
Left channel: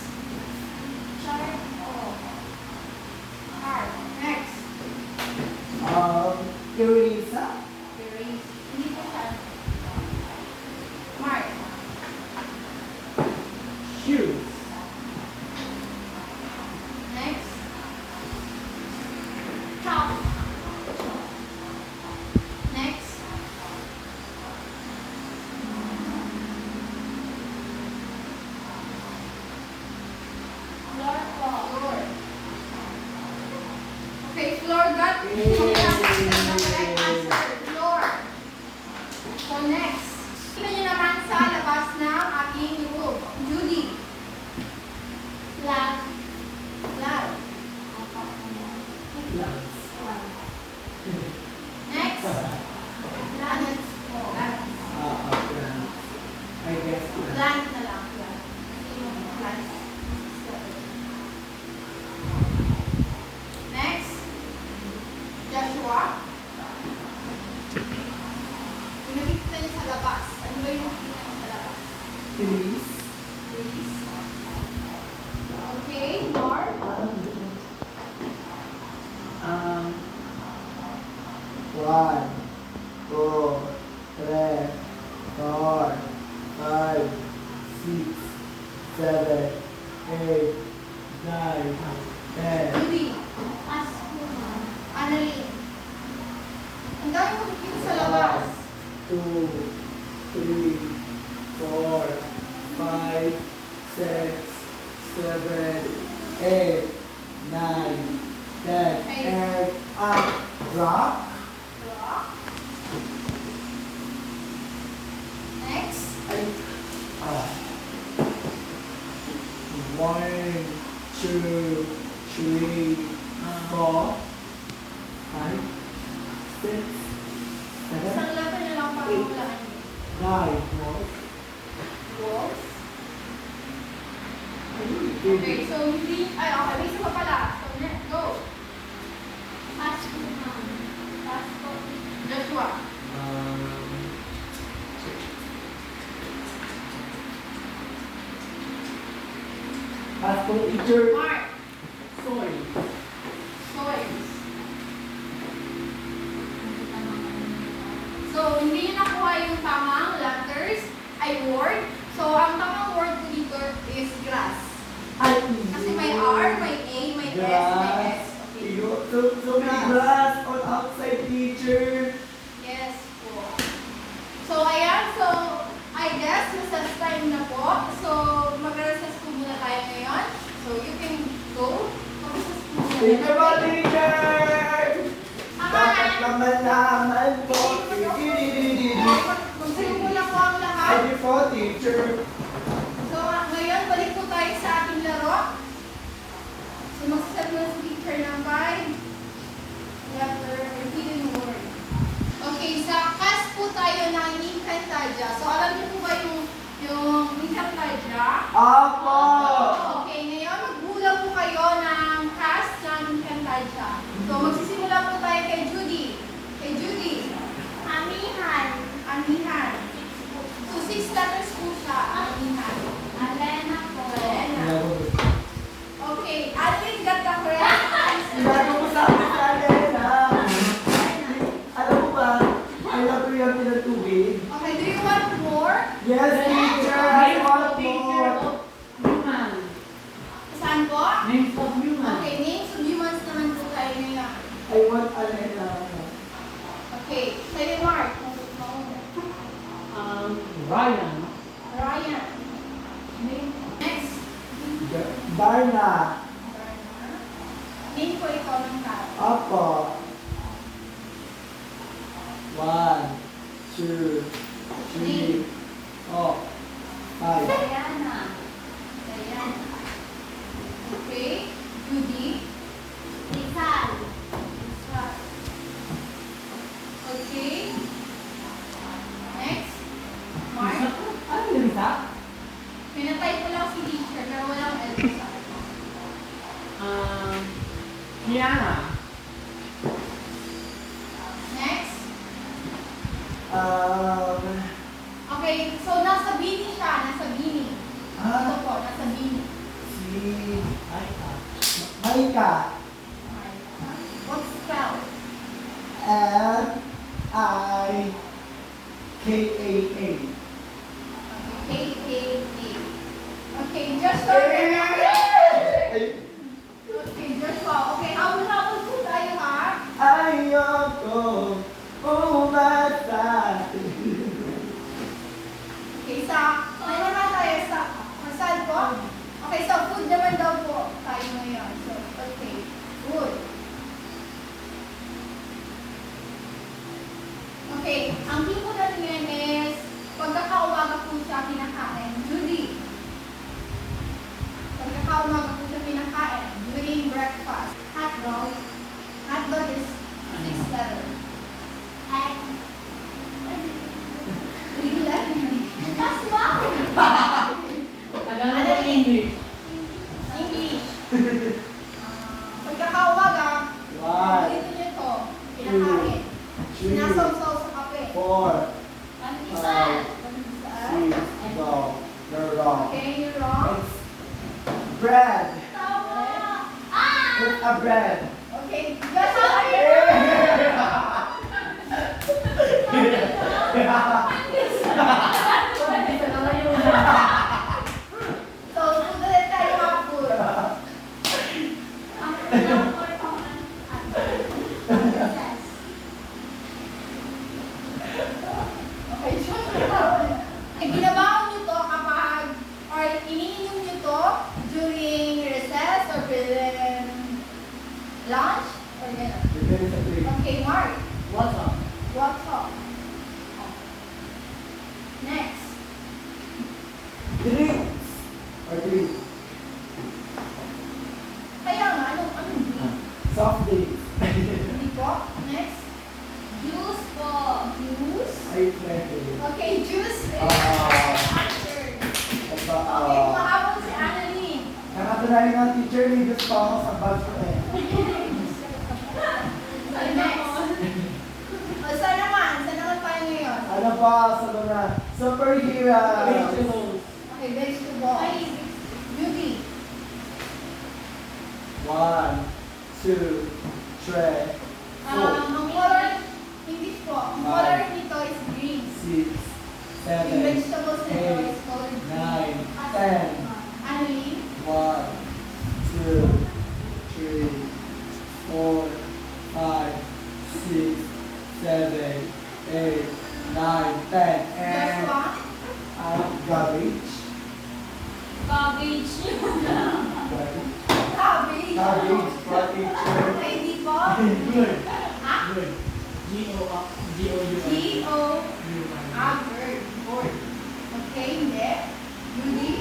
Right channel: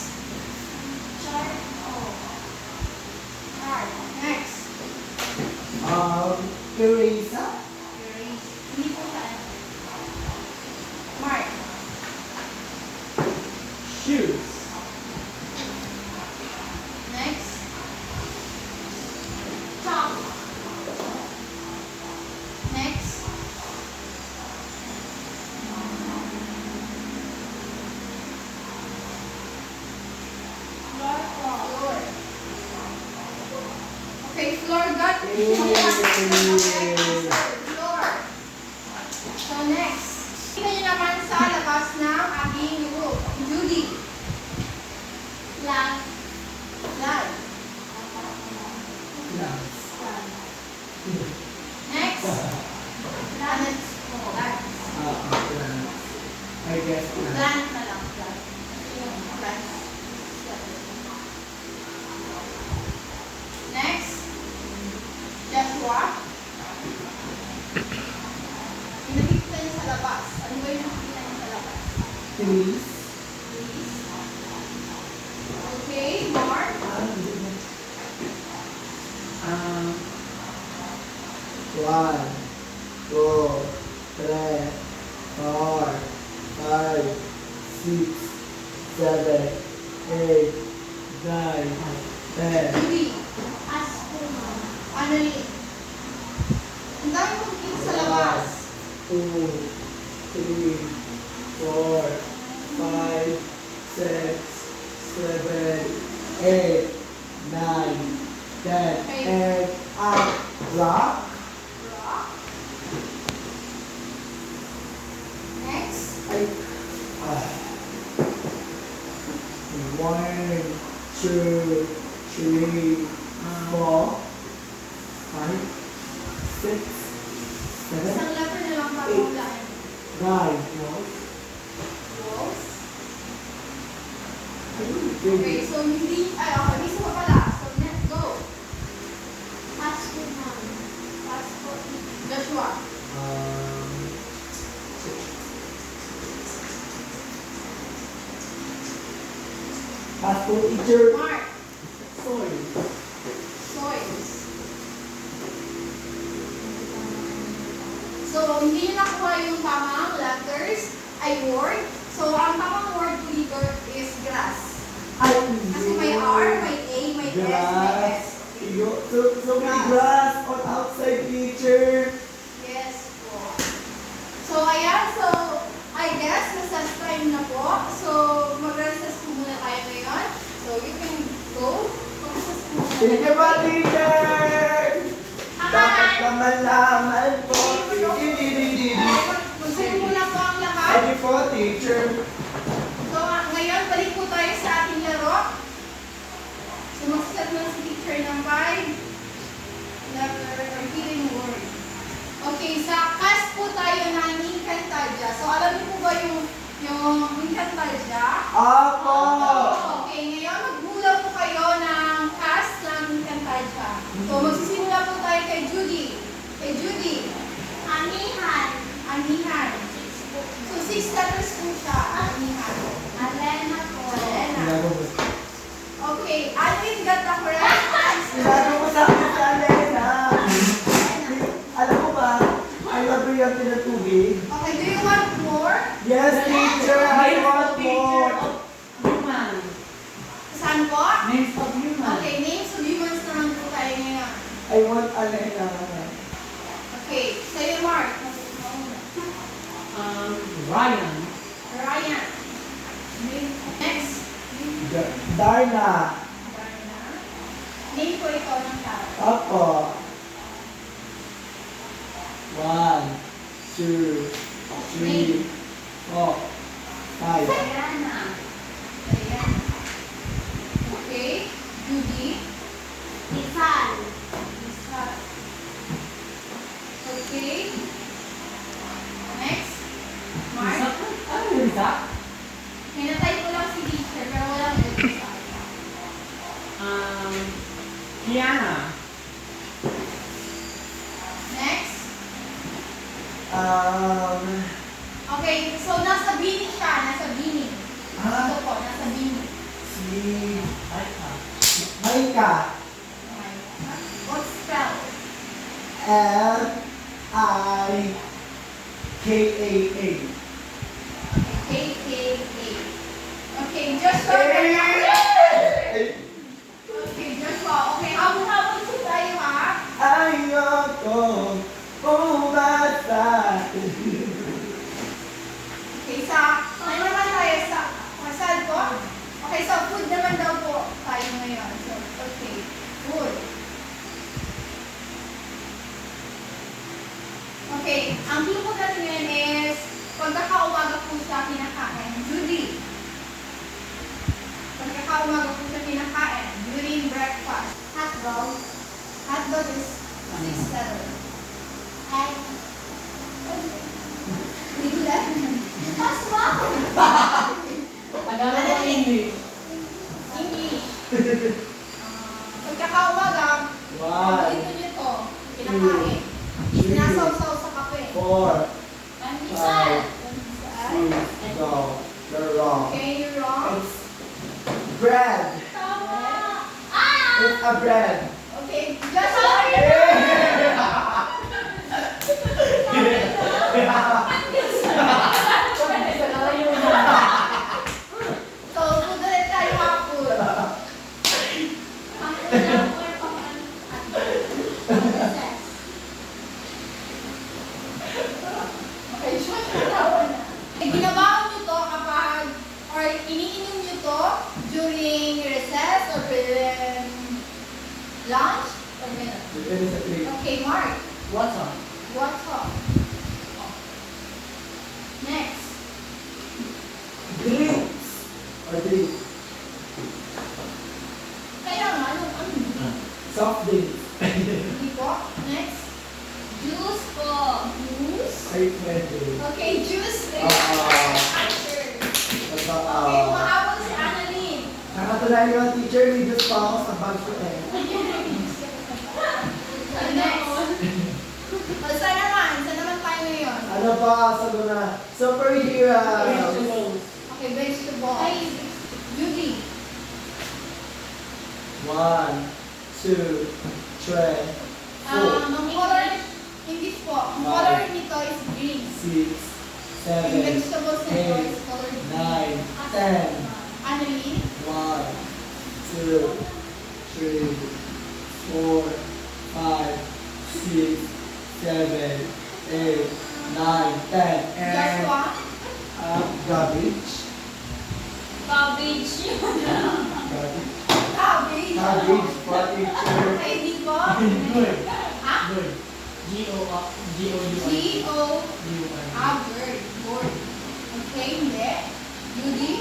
Chart o. Chart. Next. Erasa. Erase. Hindi po siya. Mark. Shoes. Next. Chalk. Next. Floor po. Floor. Okay, floor got Yay! correct answer. Floor. So next. Tingnan niyo naman sa labas ng ating roof. Judy. Flag. Flag. Plants. Next. Plants. Plants. Plants. I guess plants. Plant na lang. Plant. Kasi yung plants. Next. Joshua. Yung nakikita niya sa labas. Ano ba yung nakikita niya sa labas? Trees. Please. Okay, Mark. One, two, three, 4, 5, 6, 7, 8, 9, 10. Judy. Asuma. Annalyn. Ang dami mong nakikita sa labas. 2, 3, 4, 5, 6, 7, 8, 9, 10. Okay. And rock. Rock. Next. One, two, three, 4, 5, 6, 7, Isang letter na lang pagkulaan. 9. Walls. Okay, so hindi, okay, may isa pa pala. So, next, go. Asuma. Passport. Joshua. Pastor teacher. Mark. Soil. Soils. So, hindi nyo nakuha yung tamang letters, ay word. So, ang tamang word ko dito is grass. Ay, Kasi may R, may A, may S, may grass. S. So many grass on outside, teacher. Yes po. So, ayan. So, I guess, recess time na po. So, mag-recess po muna tayo ngayon. So, you can go. Mag-recess po muna Thank you tayo. ba, teacher? Dapat naman po. Gusto muna po ang lahat. Ready po, teacher. So, ngayon, balik po tayo sa ating laro. So, magsaset mo si teacher ng 5 letter or hidden word. Okay, sa cast po tayo ng Encantadia. So, alam niyo po ba yung Encantadia? Apo! Okay, ngayon, magbula po kayo ng cast ng Encantadia. So, magsisimula po tayo kay Judy. Kay Judy. Amihan. Amihan. 6 po. So, 6 letters po siya. Amihan. Alena po. Elena. Okay, Alvin got the correct answer. Sinabi ko sa akin sa Alena. Alam mo ba, I love you yung pinatubig. Okay, do you want more? Yes, teacher, I want more. Human. Saan po? Names of human. Okay, names of humans naman po tayo ngayon. I want Alena. Okay, sa'yo Mark. Ryan. Ryan. Next. Darna. Name po ito ng tao. Opo. 1, 2, 3, 4, 5. Diana. Ayan. Okay. Judy. Rizal. Okay. Next. Mark. Ano yun, Risa? Minatay ko lang si teacher pero walang Elsa. Kiana. Next. Okay, so nasa Bini siya. Nasa Bini. Ito po, nasa Bini. Si Ay, Maika. What's spell? L-I-K-A-A. A-K-A. Okay, Joshua. Okay, Joshua. Okay, habol-habol po tayo ha. Ayoko umasa. Okay, ano naman tayo sa kasal po? Okay, so food naman daw po tayo ngayon. So, okay, food. Okay, ang clue po natin ngayon is pagkakaumaga po siya kinakain. Judy. Pagkakaumaga po siya kinakain during breakfast. Hotdog. Hotdog is 6 letter. Ay. Bigla. Mas wow. Tagalog o English? English. Pagkakaumaga, paborito niyo ito. Kinakain. Sinasawsaw sa kape. 4, 5, Pandesal. 6, go. You're wrong. Okay, you're wrong. It's bread. Tama. Ah! It's a bread. Okay, Joshua. So, food ulit tayo mga food. Ang ulam or pandesal. Okay, Joshua. Eh, ginabaon niyo to kapag, or iniinom niyo to during recess or during lunch, or gano'n. Depende sa clip. Okay, Mark. What's up? What's up? Next. Drinks. Or drinks. Kaya nga, ano? Soft drinks. Hindi po. Next. Juice po. Juice. Ay, pwede. Okay, juice. Answer. Okay, mahabol si Annalyn. Nakatulali ng teacher, may Diyos pa ako sa bag ko eh. Next. O, saan naman? Saan naman tayo ngayon? Ano ba? Sago na. Superheroes. Vegetables. Okay, vegetable. Ay, Judy. 1, 2, 3, 4, Ang color, English po. Ang color nito is green. 6, Yung 7, vegetables nito is color 9, green. 10, Annalyn. 1, 2, 3, 4, 5, 6, 7, 8, 9, 10, and Joshua. garbage. cabbage. Garbage. Cabbage. Garbage for teacher. Okay, di po. Good. Ha? Good. G-O-U. G-O. Bird. Board. Okay, hindi. Judy.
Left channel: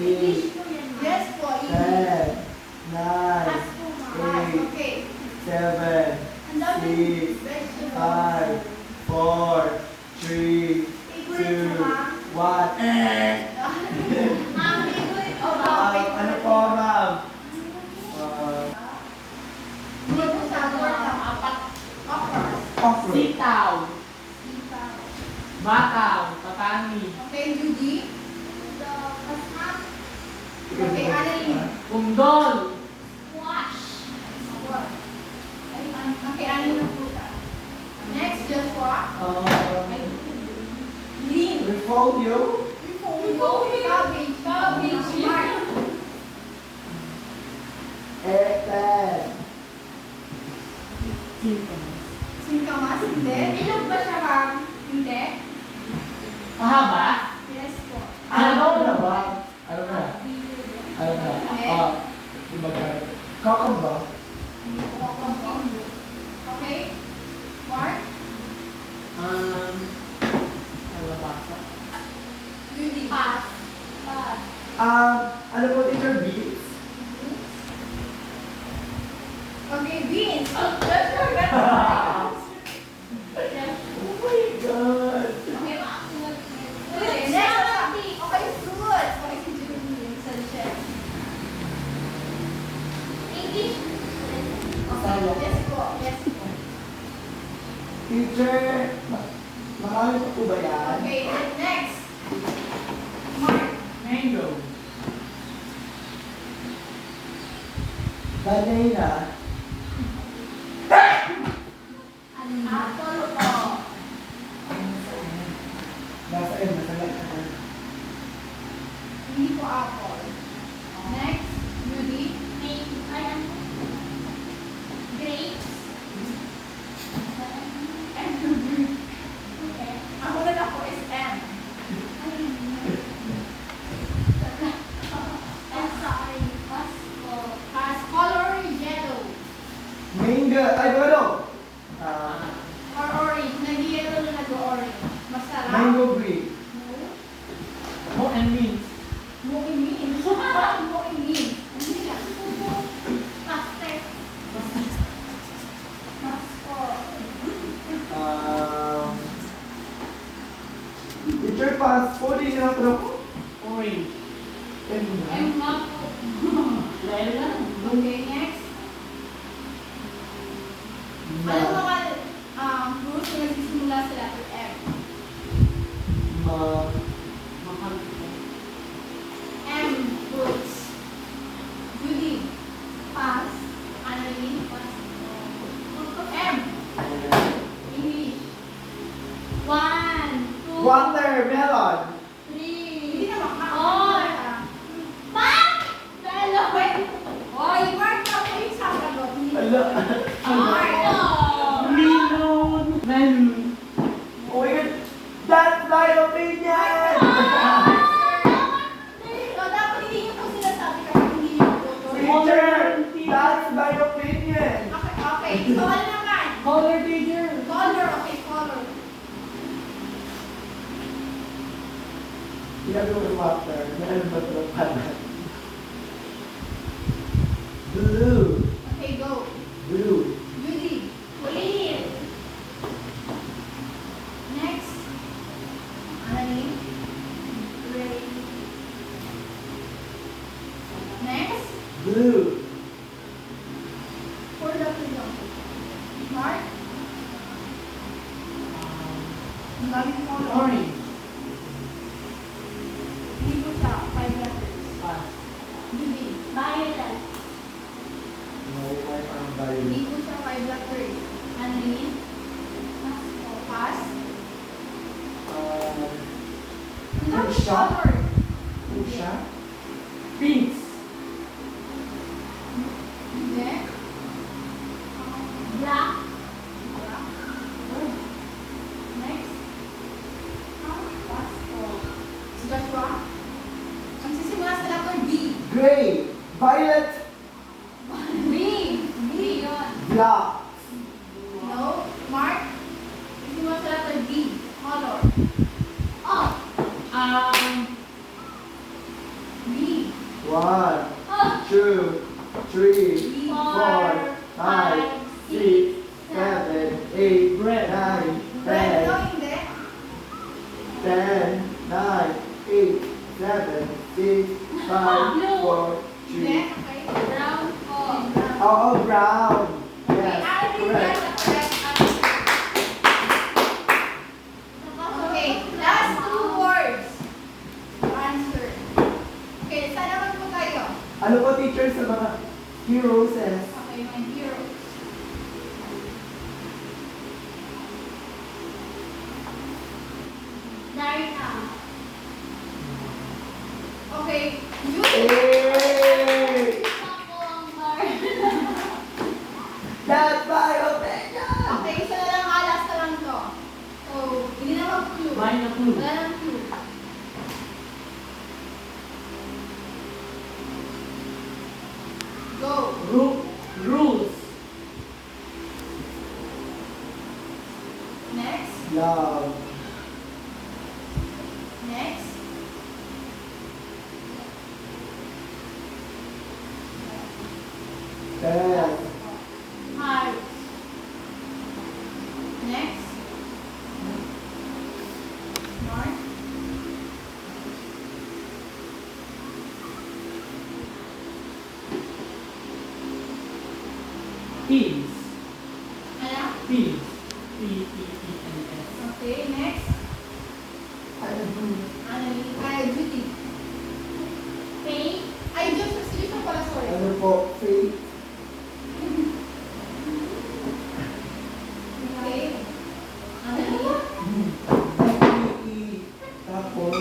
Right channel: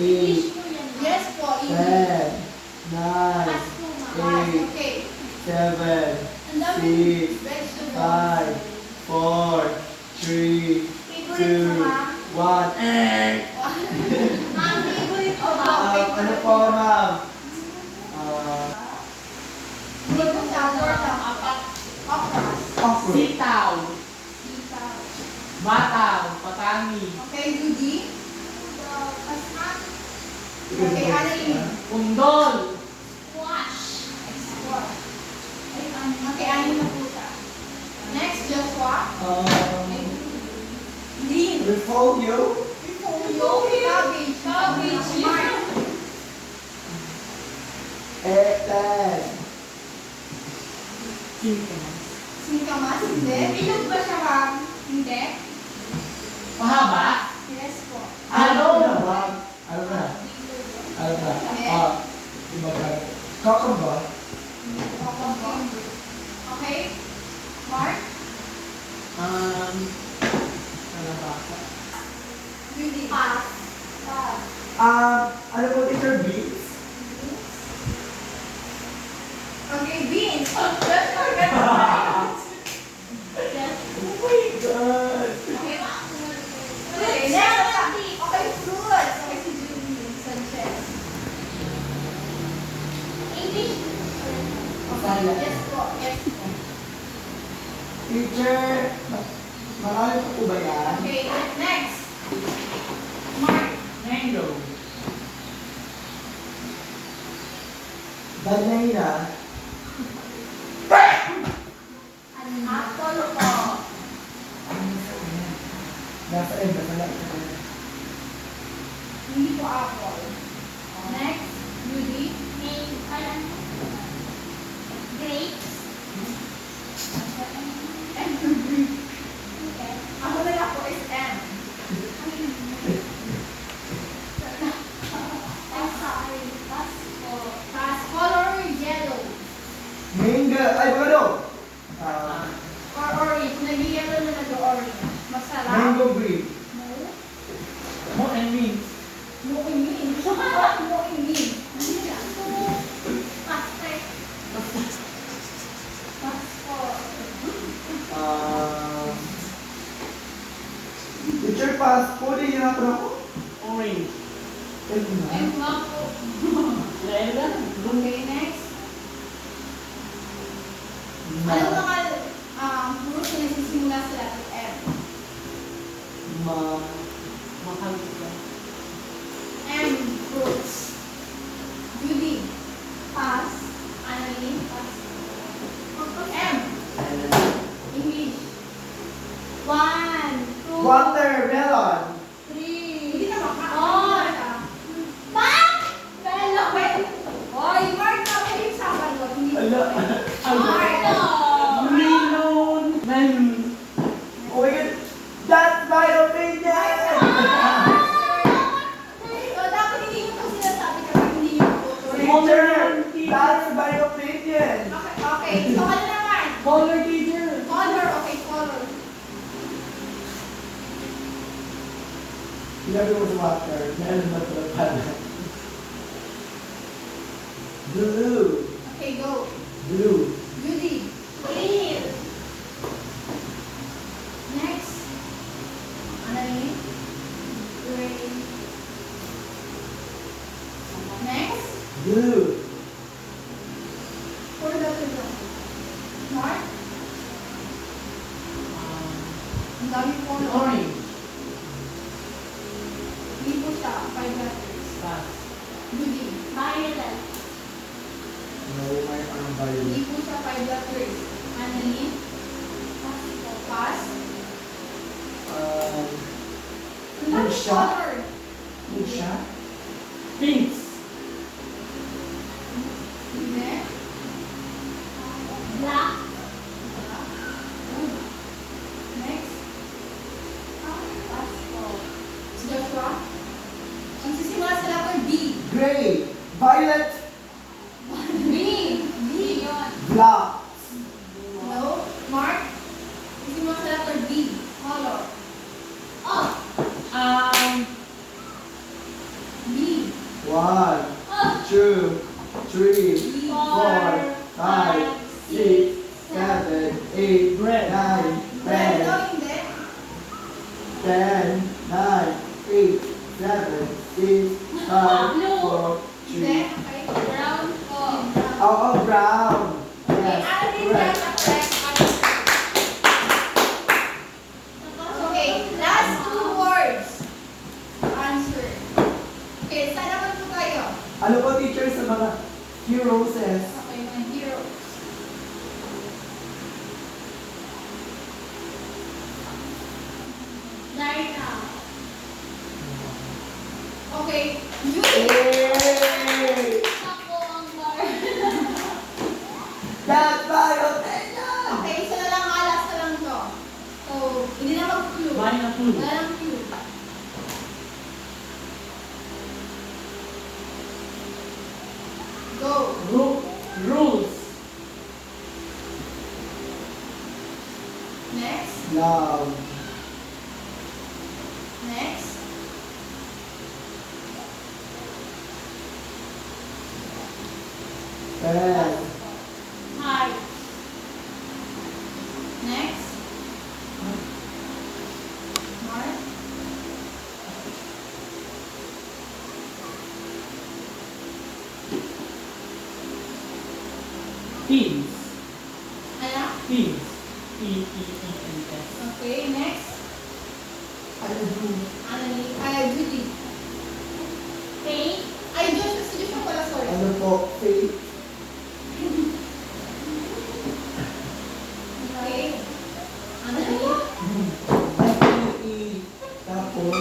Eight, Po yan, ma'am. Yes po. 10, 9, Mas po, ma'am. 8, Okay. 7, Ang dami 6, vegetables. 5, 4, 3, Favorite 2, sa 1, Ma'am, favorite po, Oh, ma'am. ano po, ma'am? Hindi ko siya alam. Apat. Okra. Okra. Sitaw. Sitaw. Bataw. Patani. Okay, Judy. Mas ma'am. Okay, Annalyn. Undol. Wash. Okay, Annalyn na po siya. Next, Joshua. Green. Repolyo. Cabbage. Cabbage. Mark. Eggplant. Chicken. Singkamas. Kamas? Hindi. Ilog ba siya, ma'am? Hindi. Mahaba? Yes po. Ano? Ano na? Ano na? Okay. Diba ka? Kakamba? Okay. Mark? Kalabasa. Judy. Pass. Pass. Ano po, teacher? Beats? Okay, beans. Yes. Oh my God! Okay, okay, next. Okay, fruits. Okay, si Judy. Sanchez. English. Okay, yes po. Yes po. Teacher, marami po po ba yan? Okay, next. Mark. Mango. Banana. Apple po. Nasa M, nasa left. Hindi po apple. Next, Judy. Grapes. Okay. Ako na lang po is M. I'm sorry. Pass po. As color yellow Mango. Ay, ano? or orange. Nag-yellow na nag-orange. Masarap. Mango green. No. Mo and means. No in me. No in me. Hindi siya. Pass. Pass po. Teacher, pass po. Di na ako na po. Orange. Pwede na. M nga po. Dahil lang. Okay, next. Ano mga fruits na nagsisimula sa letter M? Mahal ka. M, fruits. Judy. Pass. Annalyn. Pass po. M, English. 1, 2, Watermelon. 3. Hindi na Oh. Pass. Hello. Oy, Mark, kami yung sasagot. Hindi Ala. Mark. Melon. Melon. Oh my God. That's my opinion! So, dapat hindi nyo po sila sabi kapag hindi nyo po. Teacher, that's my opinion! Okay, okay. So, ano naman? Color teacher. Color, okay, color. Sinabi ko sa water, meron ba ito pala? Blue. Okay, go. Blue. Judy. Green. Next. Annalyn. Green. Next. Blue. For letter lang. Mark. Ang dami color. Orange. Hindi po siya. 5 letters. Pass. Judy. Violet. May ang Hindi violet. po siya 5 letters. Annalyn. Pass po. Pass. Ang Ano dami siya? color. Ano siya? Pinks. Hindi. Black. Next. Pass po. Si Joshua. Ang sisimula sa letter B. Gray. Violet. B. B. Black. No. Mark. Sisimula sa letter B. Color. Oh. B. 1, Oh. 2, 3, 4, 5, 5, 6, 7, 8, Red. 9, Red. 10, No, hindi. 10, 9, 8, 7, 6, 5, 4, Hindi. 3. Okay. Brown po. Oh, brown. Okay. Yes, Annalyn, correct. that's correct answer. Okay. Last 2 words. Answer. Okay. Saan naman po kayo? Ano po, teacher, sa mga heroes? Okay, my hero. Darna. Okay. Judy. Yay! Ako ang bar. That's my opinion! Okay, isa na lang Wala na clue. Wala nang clue. Go. Rules. Next. Love. Next. Pen. Heart. Next. Mark. Teams. Ano? Teams. T-E-E-N-S. Okay, next. Ano do? Annalie. Ay, Judy. Faith. Ay, Joshua. Si Joshua pala, sorry. Ano po? Faith. Okay. Annalie. F-E-E. Tapos,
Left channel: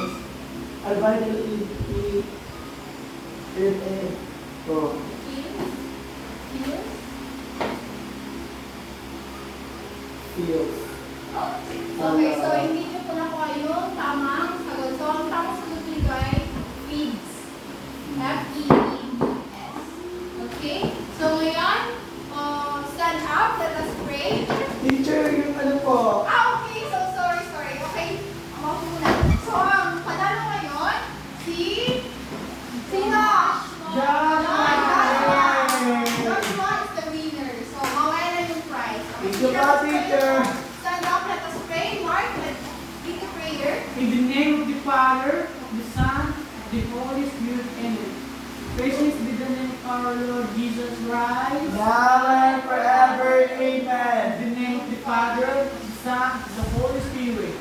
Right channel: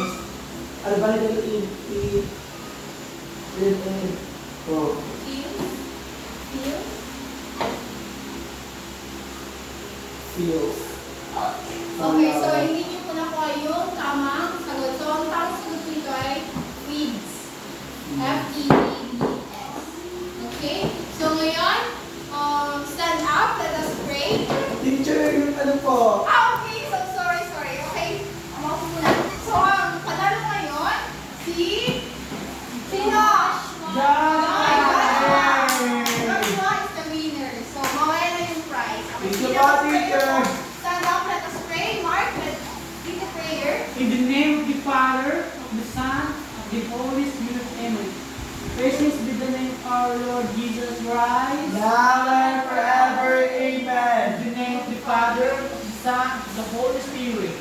Albino E-E. Red-N. Oh. Kills. Kills. Feels. Okay, so hindi niyo po nakuha yung tamang sagot. So, ang tamang sagot nito ay feeds. F-E-E-D-S. Okay? So, ngayon, stand up. Let us pray. Teacher, yung ano po? Okay. So, sorry. Okay. Ako muna. So, ang panalo ngayon, si... Sino? Joshua! Joshua is the winner. So, mawala na yung prize. Okay, Thank you let po, us pray. teacher. Stand up. Let us pray. Mark, let's read the prayer. In the name of the Father, of the Son, of the Holy Spirit, Amen. Praise be the name of our Lord Jesus Christ. Now and forever, In amen. the name of the Father, of the Son, of the Holy Spirit.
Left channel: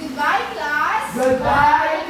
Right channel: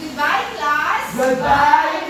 Goodbye, class. Goodbye,